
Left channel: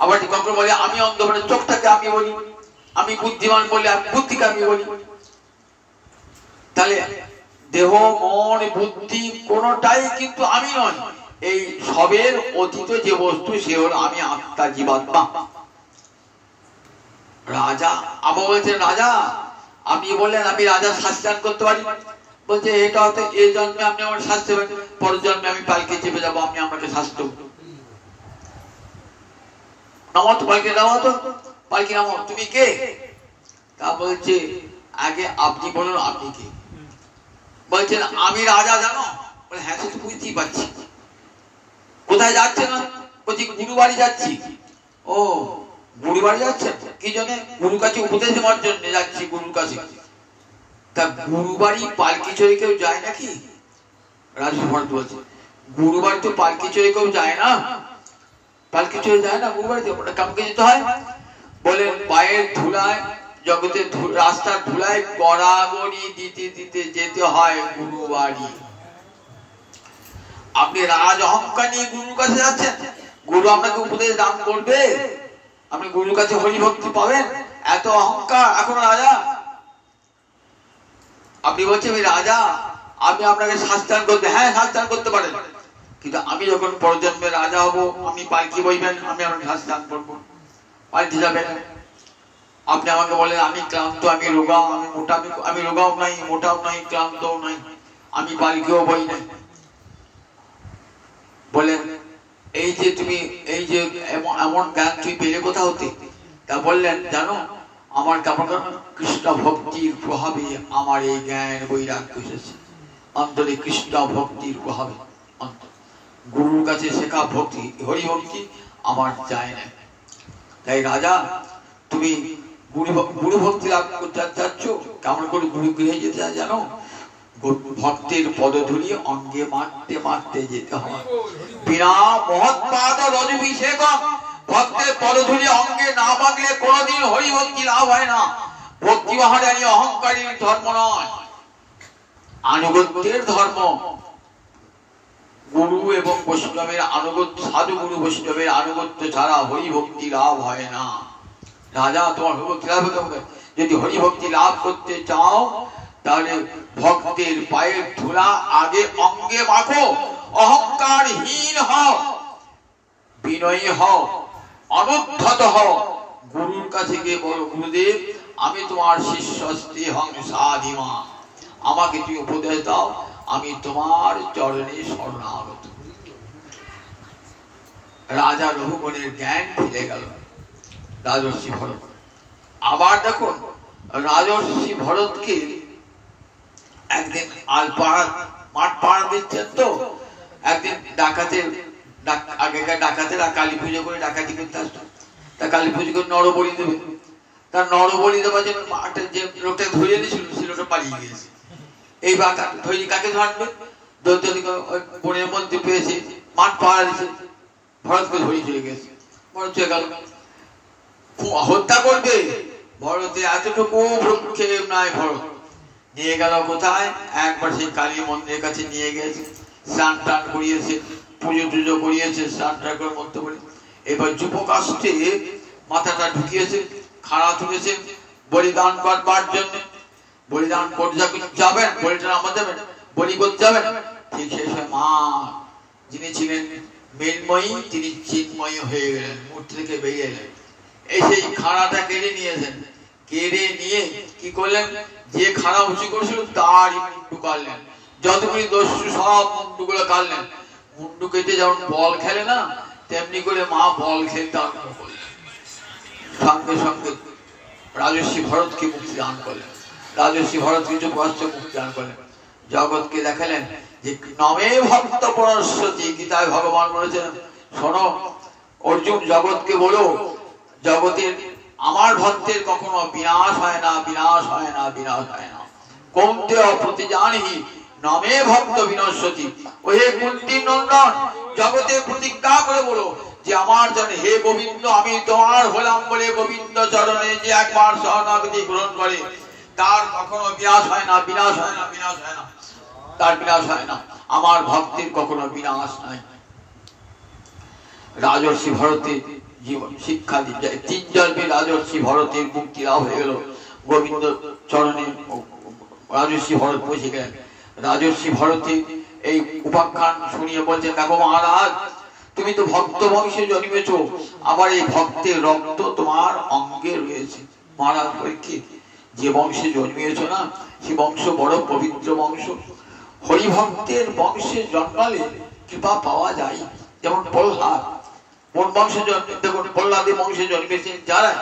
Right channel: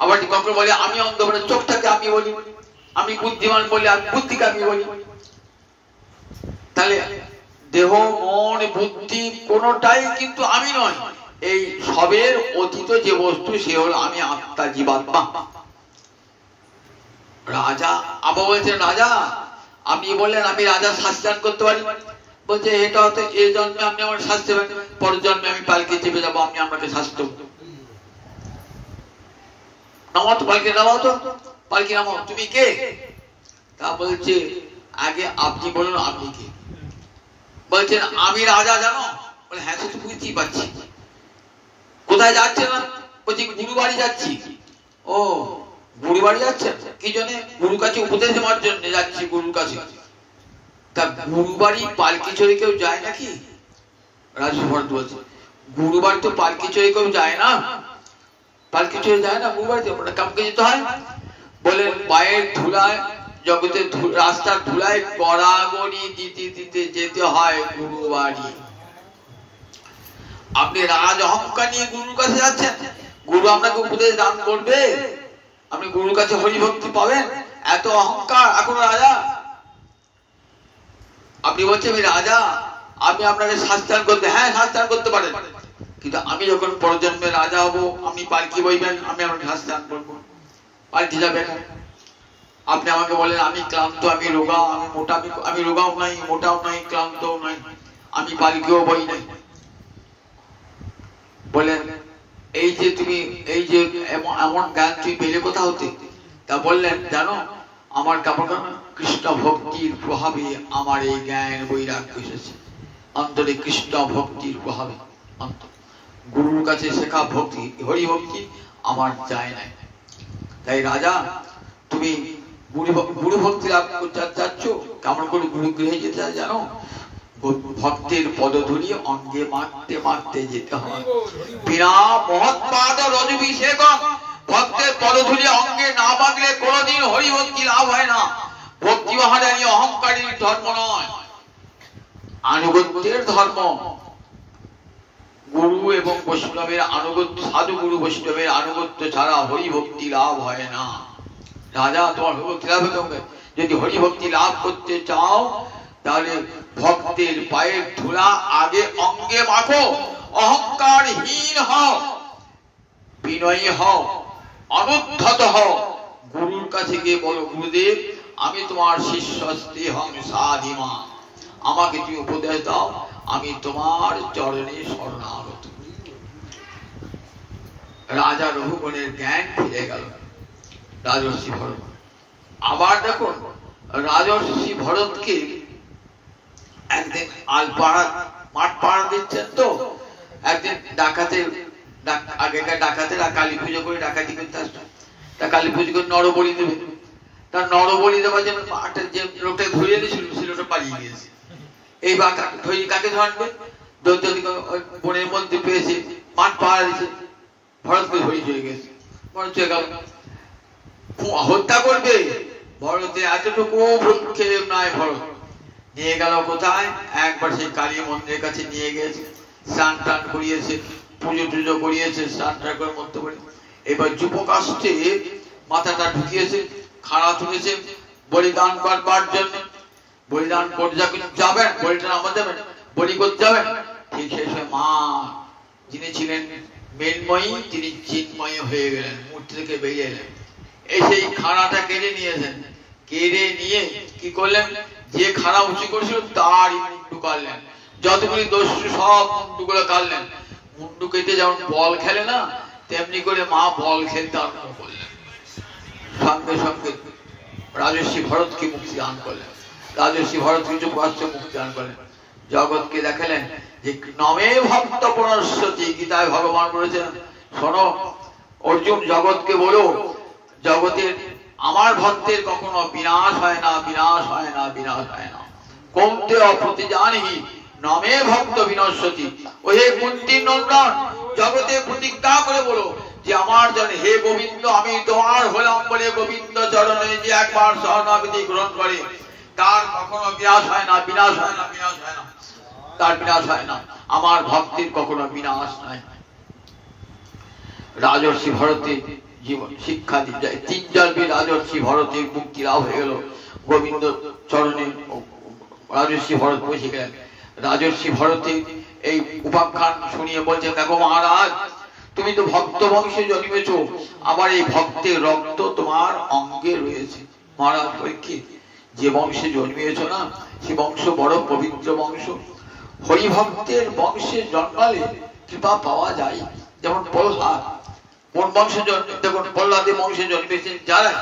আবার কখনো বলে আমি অন্ধ বলে চোখটাকে আমি বলি, আমি বুদ্ধিমান বলি আমি বুদ্ধিকে আমি বলি। তাহলে দেহ মন বুদ্ধি কোনটাই কিন্তু আমি নয়। এই সবের অতীত যে বস্তু সে হল আমি, আত্মা, জীবাত্মা। রাজা আবার বলছেন রাজা আপনি বললেন আমি রাজা শাস্তি দান করতে পারি। বলছে এটা হয়তো এই জন্মে আপনি আমার শাস্তি দেবেন, পরের জন্মে আমি পালকি চেপে যাবো, আপনি আমাকে শাস্তি দেবেন। নামো তো পালকি, নামো তো পালকি, নামো। তুমি কে? তা বলছে আগে আপনি বলুন আপনি কে? বলছেন আমি রাজা, জানো? বলে হ্যাঁ সে তো বুঝতেই পারছি। কোথায় যাচ্ছে না? বলছি গুরু বাড়ি যাচ্ছি। ও গুরু বাড়ি যাচ্ছে, কি জন্য? গুরুর কাছে উপদেশ দেওয়ার জন্য যাচ্ছি, গুরুর কাছে। তা গুরু বাড়ি পালকি চড়ে কেউ যায় নাকি? রাজু ভরত বলছে গুরু বাড়ি তো পালকি চড়ে কেউ যায় না, পালকি চড়ে যায় না গুরু বাড়িতে, ওটা কামকে যেতে হয়। বলে পায়ের ধুলায় জগতে রাস্তার ধুলায় গড়াগড়ি দিতে দিতে যেতে হয় গুরু বাড়ি। আপনি রাজ অহংকার নিয়ে গুরুর কাছে যাচ্ছেন, গুরু আপনাকে উপদেশ দান করবে, আপনি গুরুর কাছে হরিভক্তি পাবেন? এত অহংকার এখন রাজা। আপনি বলছেন আমি রাজা, আমি আপনাকে শাস্ত্রায়ন করতে, হ্যাঁ শাস্ত্রায়ন করতে পারেন, কিন্তু আমি যখন পরজন্মে রাজা হব, আপনি পালকি বইবেন, আমি আপনাকে শাস্ত্রায়ন করবো, পাল্টে যাবে না। আপনি আমাকে বলেন আমি ক্লান্ত, আমি রোগা, আমি মোটা, আমি রোগাও নাই, মোটাও নাই, ক্লান্তও নাই, আমি পালকিও বই নাই। বলেন এই যে তুমি এই যে এমন জ্ঞান তুমি পেলে কোথা হতে? তা বললেন জানো, আমার কৃষ্ণ ভক্তির প্রভাবে আমার এই জ্ঞান বৈরাগ্য এসেছে, অন্তরে কৃষ্ণ ভক্তির প্রভাবে, গুরুর কাছে শেখা ভক্তি হরি ভক্তি আমার যায় না। তাই রাজা তুমি গুরু ভক্তি লাভ করতে চাচ্ছ, কেমন করে গুরু গৃহে যেতে জানো? ভক্তের পদধূলি অঙ্গে মারতে মারতে যেতে হয়। বিনা মহৎপাদ রজভিষেকম, ভক্তের পদধূলি অঙ্গে না মাগলে কোনোদিন হরি ভক্তি লাভ হয় না। ভক্তি মহাদানী অহংকারীর ধর্ম নয়, আনুগত্যের ধর্ম। গুরু এবং বৈষ্ণবের আনুগত্য, সাধু গুরু বৈষ্ণবের আনুগত্য ছাড়া হরি ভক্তি লাভ হয় না। রাজা তোমার হরিভক্তি লাভ হতে হবে। যদি হরিভক্তি লাভ করতে চাও তাহলে ভক্তের পায়ের ধুলা আগে অঙ্গে মাখো, অহংকারহীন হও, বিনয়ী হও, অনুদ্ধত হও। গুরুর কাছে গিয়ে বলো গুরুদেব আমি তোমার শিষ্য স্তেহং সাধিমা, আমাকে তুমি উপদেশ দাও, আমি তোমার চরণে শরণাগত। রাজা রঘুগণের জ্ঞান ফিরে গেল। রাজর্ষি ভরত আবার দেখুন, রাজর্ষি ভরতকে একদিন মাঠ পাড়া দিচ্ছেন, তো একদিন ডাকাতের আগেকার ডাকাতেরা কালী পুজো করে ডাকাতি করতে আসতো, তা কালী পুজো করে নরবলি দেবে, তার নরবলি দেওয়ার জন্য মাঠের যে লোকটা ধরিয়ে দিয়েছিল সে লোকটা পালিয়ে গিয়েছে। এই বা ধরি কাকে ধরবে? বনের মধ্যে পেয়েছে, মাঠ পাড়া দিয়েছে, ভরতকে ধরিয়ে চলে গেছে। ভরত চলে গেল, হত্যা করবে। ভরতের এতটুকু ভ্রুক্ষেপ নাই। ভরত নিয়ে গেল কোথায়? একবার সেই কালী মন্দিরের কাছে নিয়ে গেছে, স্নান টান করিয়েছে, পুজো টুজো করিয়েছে, স্নান টান করে মধ্যে বলে এবার যুবকাষ্ঠে মাথাটা ঢুকিয়েছে, খাড়া তুলেছে বলিদান করবার জন্য। বলিদান করতে যাবেন, বলিটা নামা যাবেন, বলি করতে যাবেন, ঠিক সেই সময় মা যিনি ছিলেন মৃন্ময়ী তিনি চিন্ময়ী হয়ে গেলেন, মূর্তি থেকে বেরিয়ে এলেন। এই সেই খাড়াটা কেড়ে নিয়েছেন, কেড়ে নিয়ে কি করলেন? যে খাড়া উঁচু করেছিল তারই মুন্ডু কাটলেন, যতগুলি দস্যু সব মুন্ডুগুলো কাটলেন। মুন্ডু কেটে যেমন বল খেলে না, তেমনি করে মা বল খেলতে আরম্ভ করলেন। সঙ্গে সঙ্গে রাজর্ষি ভরতকে মুক্তি দান করলেন। রাজর্ষি ভরত কিছু কষ্ট মুক্তি দান করলেন, জগৎকে দেখালেন যে নমে ভক্ত পুনঃস্বতি। গীতায় ভগবান বলেছেন শোনো অর্জুন, জগৎকে বলো জগতের আমার ভক্তের কখনো বিনাশ হয় না, বিনাশ হয় না, বিনাশ হয় না। কোনতে অপ্রতিজানি নমে ভক্ত বিনশ্বতি। ওহে কুন্তীর নন্দন, জগতে প্রতিজ্ঞা করে বলো যে আমার জন্য হে গোবিন্দ আমি তোমার হলাম বলে গোবিন্দ চরণে যে একবার শরণাগতি গ্রহণ করে তার কখনো বিনাশ হয় না, বিনাশ হয় না, বিনাশ হয় না, তার বিনাশ হয় না। আমার ভক্তের কখনো বিনাশ নাই। রাজর্ষি ভরতের জীবন শিক্ষা দিয়ে তিন জন্মে রাজর্ষি ভরতের মুক্তি লাভ হয়ে গেল। গোবিন্দ চরণে রাজর্ষি ভরত বসে গেলেন। রাজর্ষি ভরতের এই উপাখ্যান শুনিয়ে বলছেন দেখো মহারাজ, তুমি তো ভক্ত বংশে জন্মেছ, আবার এই ভক্তের রক্ত তোমার অঙ্গে রয়েছে। মহারাজ পরীক্ষিত, যে বংশে জন্মিয়েছ না সে বংশ বড় পবিত্র বংশ। হরিভক্তের বংশে জন্মালে কৃপা পাওয়া যায়। যেমন প্রহ্লাদ কোন বংশে জন্মে, দেখুন প্রহ্লাদের বংশে জন্মেছেন যারা,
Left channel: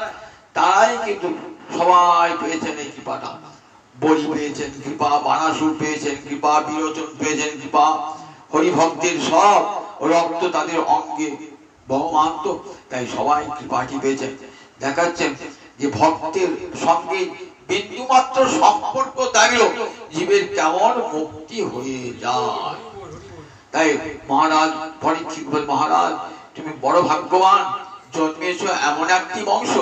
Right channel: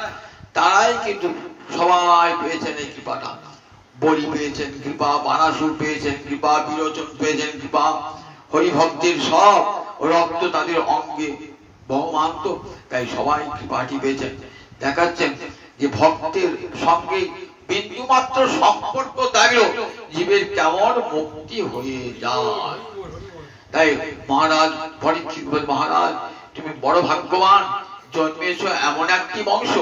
তারাই কিন্তু সবাই পেয়েছেন এই কৃপাটা। বলি পেয়েছেন কৃপা, বানাসুর পেয়েছেন কৃপা, বিরোচন পেয়েছেন কৃপা। হরিভক্তের সব রক্ত তাদের অঙ্গে বহমান, তো তাই সবাই কৃপাটি পেয়েছেন। দেখাচ্ছেন যে ভক্তের সঙ্গে বিন্দু মাত্র সম্পর্ক থাকলেও জীবের কেমন মুক্তি হয়ে যায়। তাই মহারাজ পরীক্ষিত বল, মহারাজ তুমি বড় ভাগ্যবান, জন্মেছ এমন একটি বংশ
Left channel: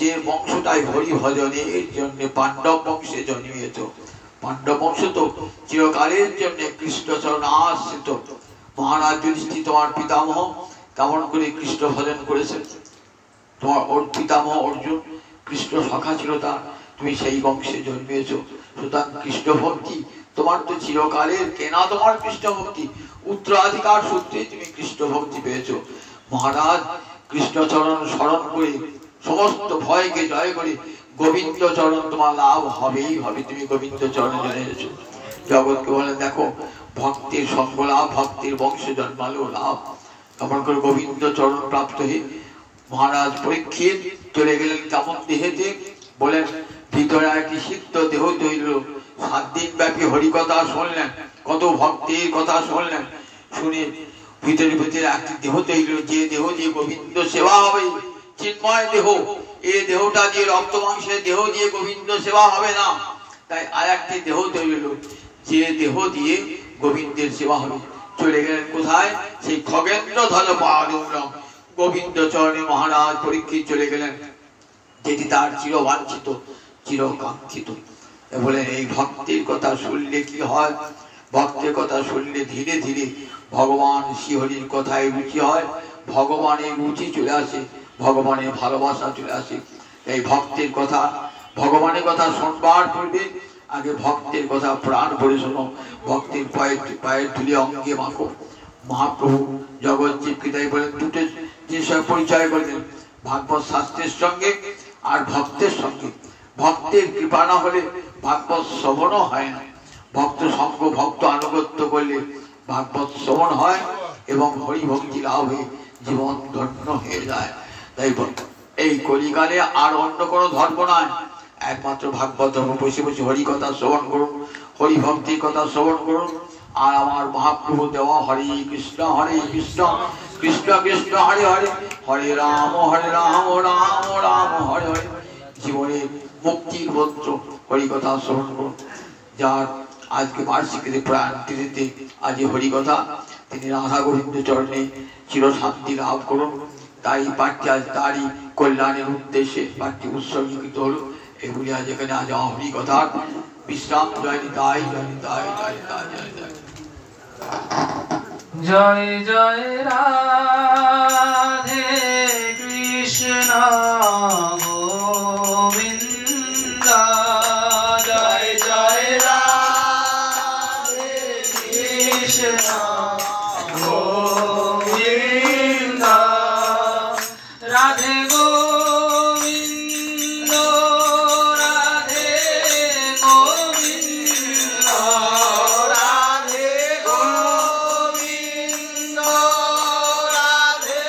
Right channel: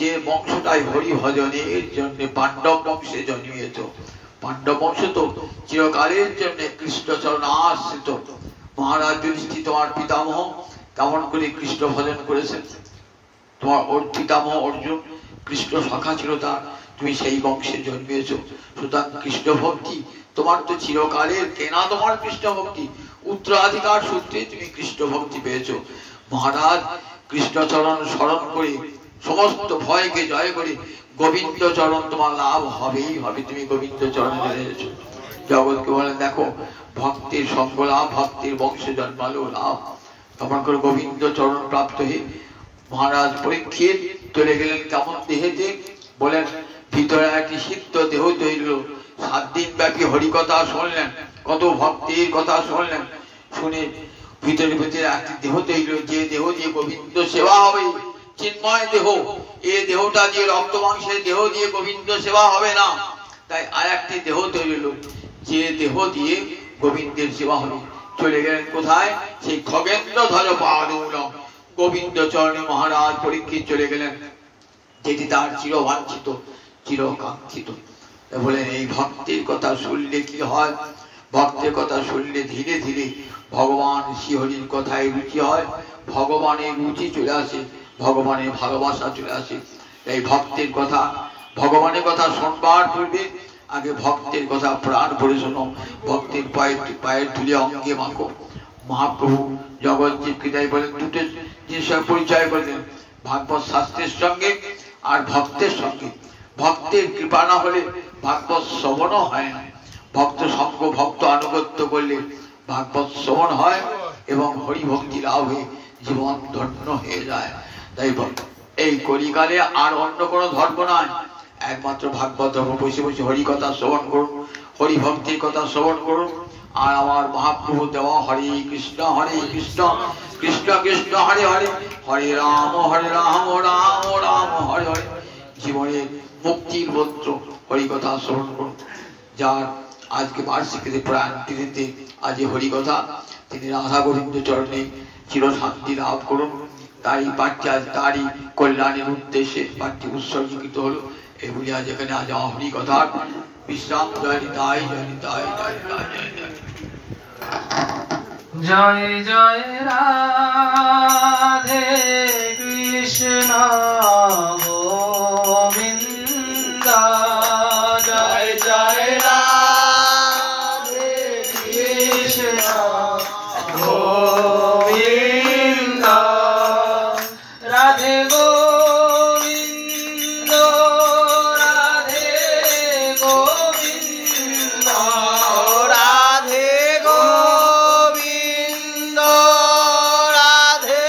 যে বংশটাই হরি ভজনের জন্য পাণ্ডব বংশে জন্মিয়েছ। পাণ্ডব বংশ তো চিরকালের জন্য কৃষ্ণচরণ আশ্রিত। মহারাজ যুধিষ্ঠির তোমার পিতামহ কেমন করে কৃষ্ণ ভজন করেছেন। তোমার ওর পিতামহ অর্জুন কৃষ্ণ সখা ছিল তার, তুমি সেই বংশে জন্মিয়েছ। সুতরাং কৃষ্ণ ভক্তি তোমার তো চিরকালের কেনা, তোমার কৃষ্ণ ভক্তি উত্তরাধিকার সূত্রে তুমি কৃষ্ণ ভক্তি পেয়েছো। মহারাজ কৃষ্ণচরণ স্মরণ করে সমস্ত ভয়কে জয় করে গোবিন্দ চরণ তোমার লাভ হবেই হবে। তুমি গোবিন্দ চরণে চলে এসেছো। জগৎকে বলেন দেখো ভক্তের সঙ্গ লাভ, ভক্তের বংশে জন্মালো লাভ। তখন করে গোবিন্দ চরণ প্রাপ্ত হয়ে মহারাজ পরীক্ষিত চলে গেলেন কেমন দেহেতে, বলেন ভিতরে একটি সিদ্ধ দেহ তৈরি। 7 দিন ব্যাপী হরিকথা শুনলেন, কত ভক্তের কথা শুনলেন, শুনে ভিতরে ভিতরে একটি দেহ তৈরি, যে দেহ দিয়ে গোবিন্দ সেবা হবে, চিন্ময় দেহ। এই দেহটা দিয়ে রক্ত মাংসের দেহ দিয়ে গোবিন্দ সেবা হবে না, তাই আর একটি দেহ তৈরি হলো, যে দেহ দিয়ে গোবিন্দের সেবা হবে। চলে গেলেন কোথায়? সেই খগেন্দ্র ধর পাদৌলম গোবিন্দ চরণে মহারাজ পরীক্ষিত চলে গেলেন, যেটি তার চিরবাঞ্ছিত চিরকাঙ্ক্ষিত। বলেন এই ভক্তের কথা শুনলে কি হয়? ভক্তের কথা শুনলে ধীরে ধীরে ভগবান শ্রীহরির কথায় রুচি হয়, ভগবানের রুচি চলে আসে, ভগবানের ভালোবাসা চলে আসে। এই ভক্তের কথা, ভগবানের কথা শুনবার পূর্বে আগে ভক্তের কথা প্রাণ ভরে শোনো, ভক্তের পায়ের ধুলে অঙ্গে মাখো। মহাপ্রভু জগৎ জীবকে বলেন দুটো জিনিসের পরিচয় করলেন, ভাগবত শাস্ত্রের সঙ্গে আর ভক্তের সঙ্গে। ভক্তের কৃপা না হলে ভাগবত শ্রবণও হয় না। ভক্ত সঙ্গ ভক্ত আনুগত্য করলে ভাগবত শ্রবণ হয় এবং হরি ভক্তি লাভ হয়ে জীবন ধন্য হয়ে যায়। তাই এই কলিকালে আর অন্য কোনো ধর্ম নয়, একমাত্র ভাগবত ধর্ম। বসে বসে হরি কথা শ্রবণ করুন, হরি ভক্তির কথা শ্রবণ করুন। আর আমার মহাপ্রভু দেওয়া হরে কৃষ্ণ কৃষ্ণ কৃষ্ণ হরে হরে, হরে রাম রাম রাম হরে হরে। জীবনে মুক্তির মন্ত্র হরি কথা শ্রবণ করুন। যার আজকে বার্ষিকীতে প্রাণ তিথিতে আজ হরিকথা, তিনি রাধা গোবিন্দ চরণে চিরশান্তি লাভ করুন। তাই পাঠটি আজ তারই কল্যাণের উদ্দেশ্যে পাঠটি উৎসর্গীকৃত হলো। এগুলি আজ এখানে আজ হরিকথার বিশ্রাম। জয় নিতাই জয় নিতাই জয় নিতাই জয় নিতাই। জয় জয় রাধে কৃষ্ণ গোবিন্দ, জয় জয় রাধে কৃষ্ণ গোবিন্দ, রাধে গোবিন্দ রাধে গোবিন্দ, রাধে গোবিন্দ রাধে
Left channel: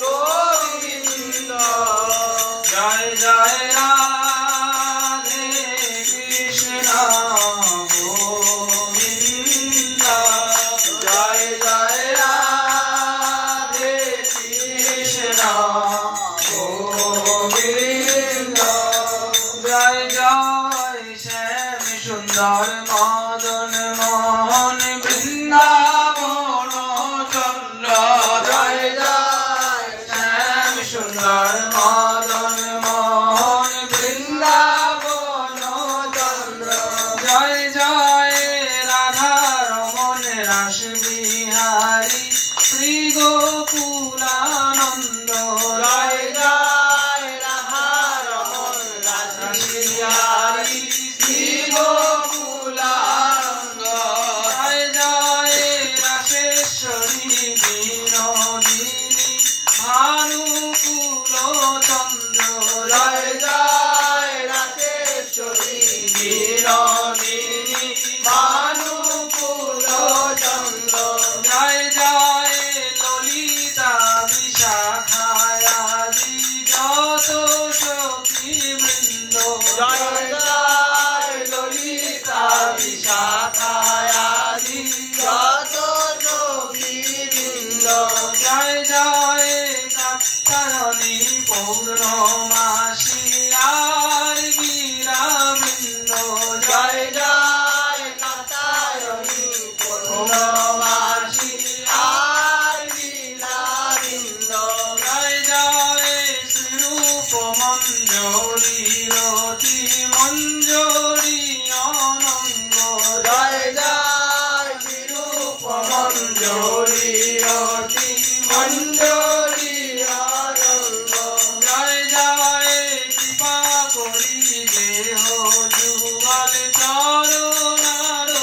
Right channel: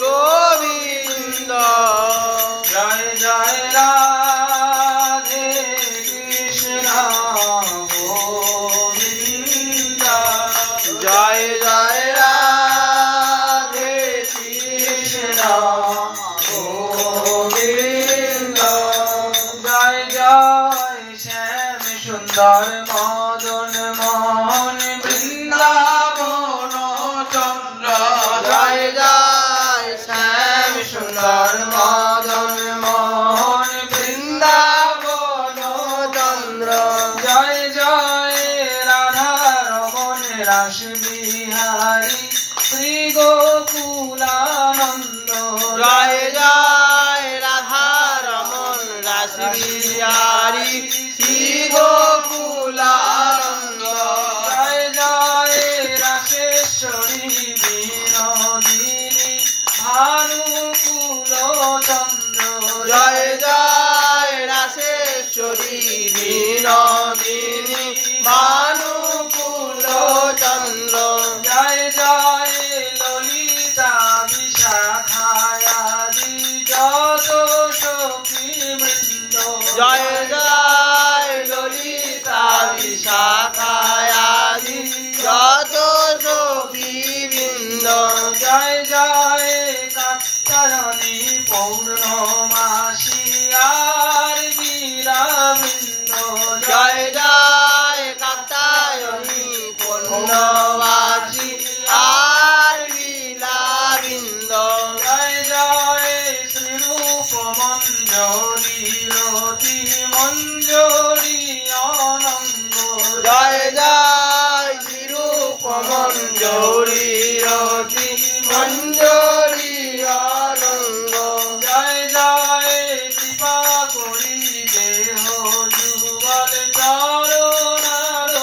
গোবিন্দ, জয় জয় রাধে কৃষ্ণ গোবিন্দ, জয় জয় রাধে কৃষ্ণ গোবিন্দ, জয় জয় শ্যাম সুন্দর মদন মোহন বৃন্দাবন চন্দ্র, জয় জয় শ্যাম সুন্দর মদন মোহন বৃন্দাবন চন্দ্র, জয় জয় রাধা রমন রাস বিহারী শ্রী গোকুলানন্দ, জয় জয় রাধা রমন রাস বিহারী শ্রী গোকুলানন্দ, জয় জয় রাসেশ্বরী বিনোদিনী ভানুকুল চন্দ্র, জয় জয় রাসেশ্বরী বিনোদিনী ভানুকুল চন্দ্র, জয় জয় ললিতা বিশাখায়াদি যত সখী বৃন্দ, জয় জয় ললিতা বিশাখায়াদি যত সখী বৃন্দ, জয় জয় কাত্তায়নী পৌর্ণমাসী আর বীরাবৃন্দ, জয় জয় কাত্তায়নী পৌর্ণমাসী আর বীরাবৃন্দ, জয় জয় শ্রীরূপ মন্দির মঞ্জরি অতি মঞ্জরি আনন্দ জয় জয় কৃপা করি দেহ যুগল চরণারবিন্দ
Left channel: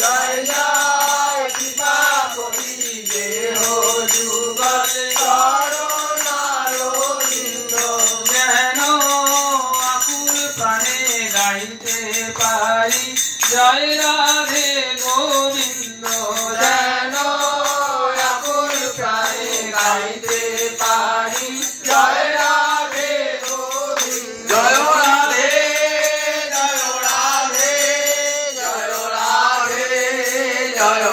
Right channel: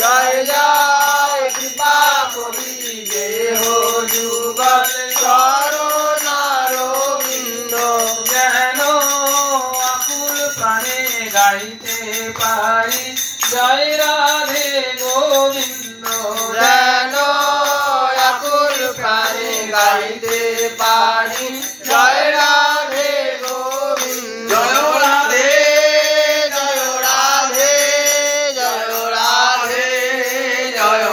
জয় জয় কৃপা করি দেহ যুগল চরণারবিন্দ যেন আকুল প্রাণে গাইতে পারি জয় রাধে গোবিন্দ যেন আকুল প্রাণে গাইতে পারি জয় রাধে গোবিন্দ জয় রাধে জয় রাধে জয় রাধে জয়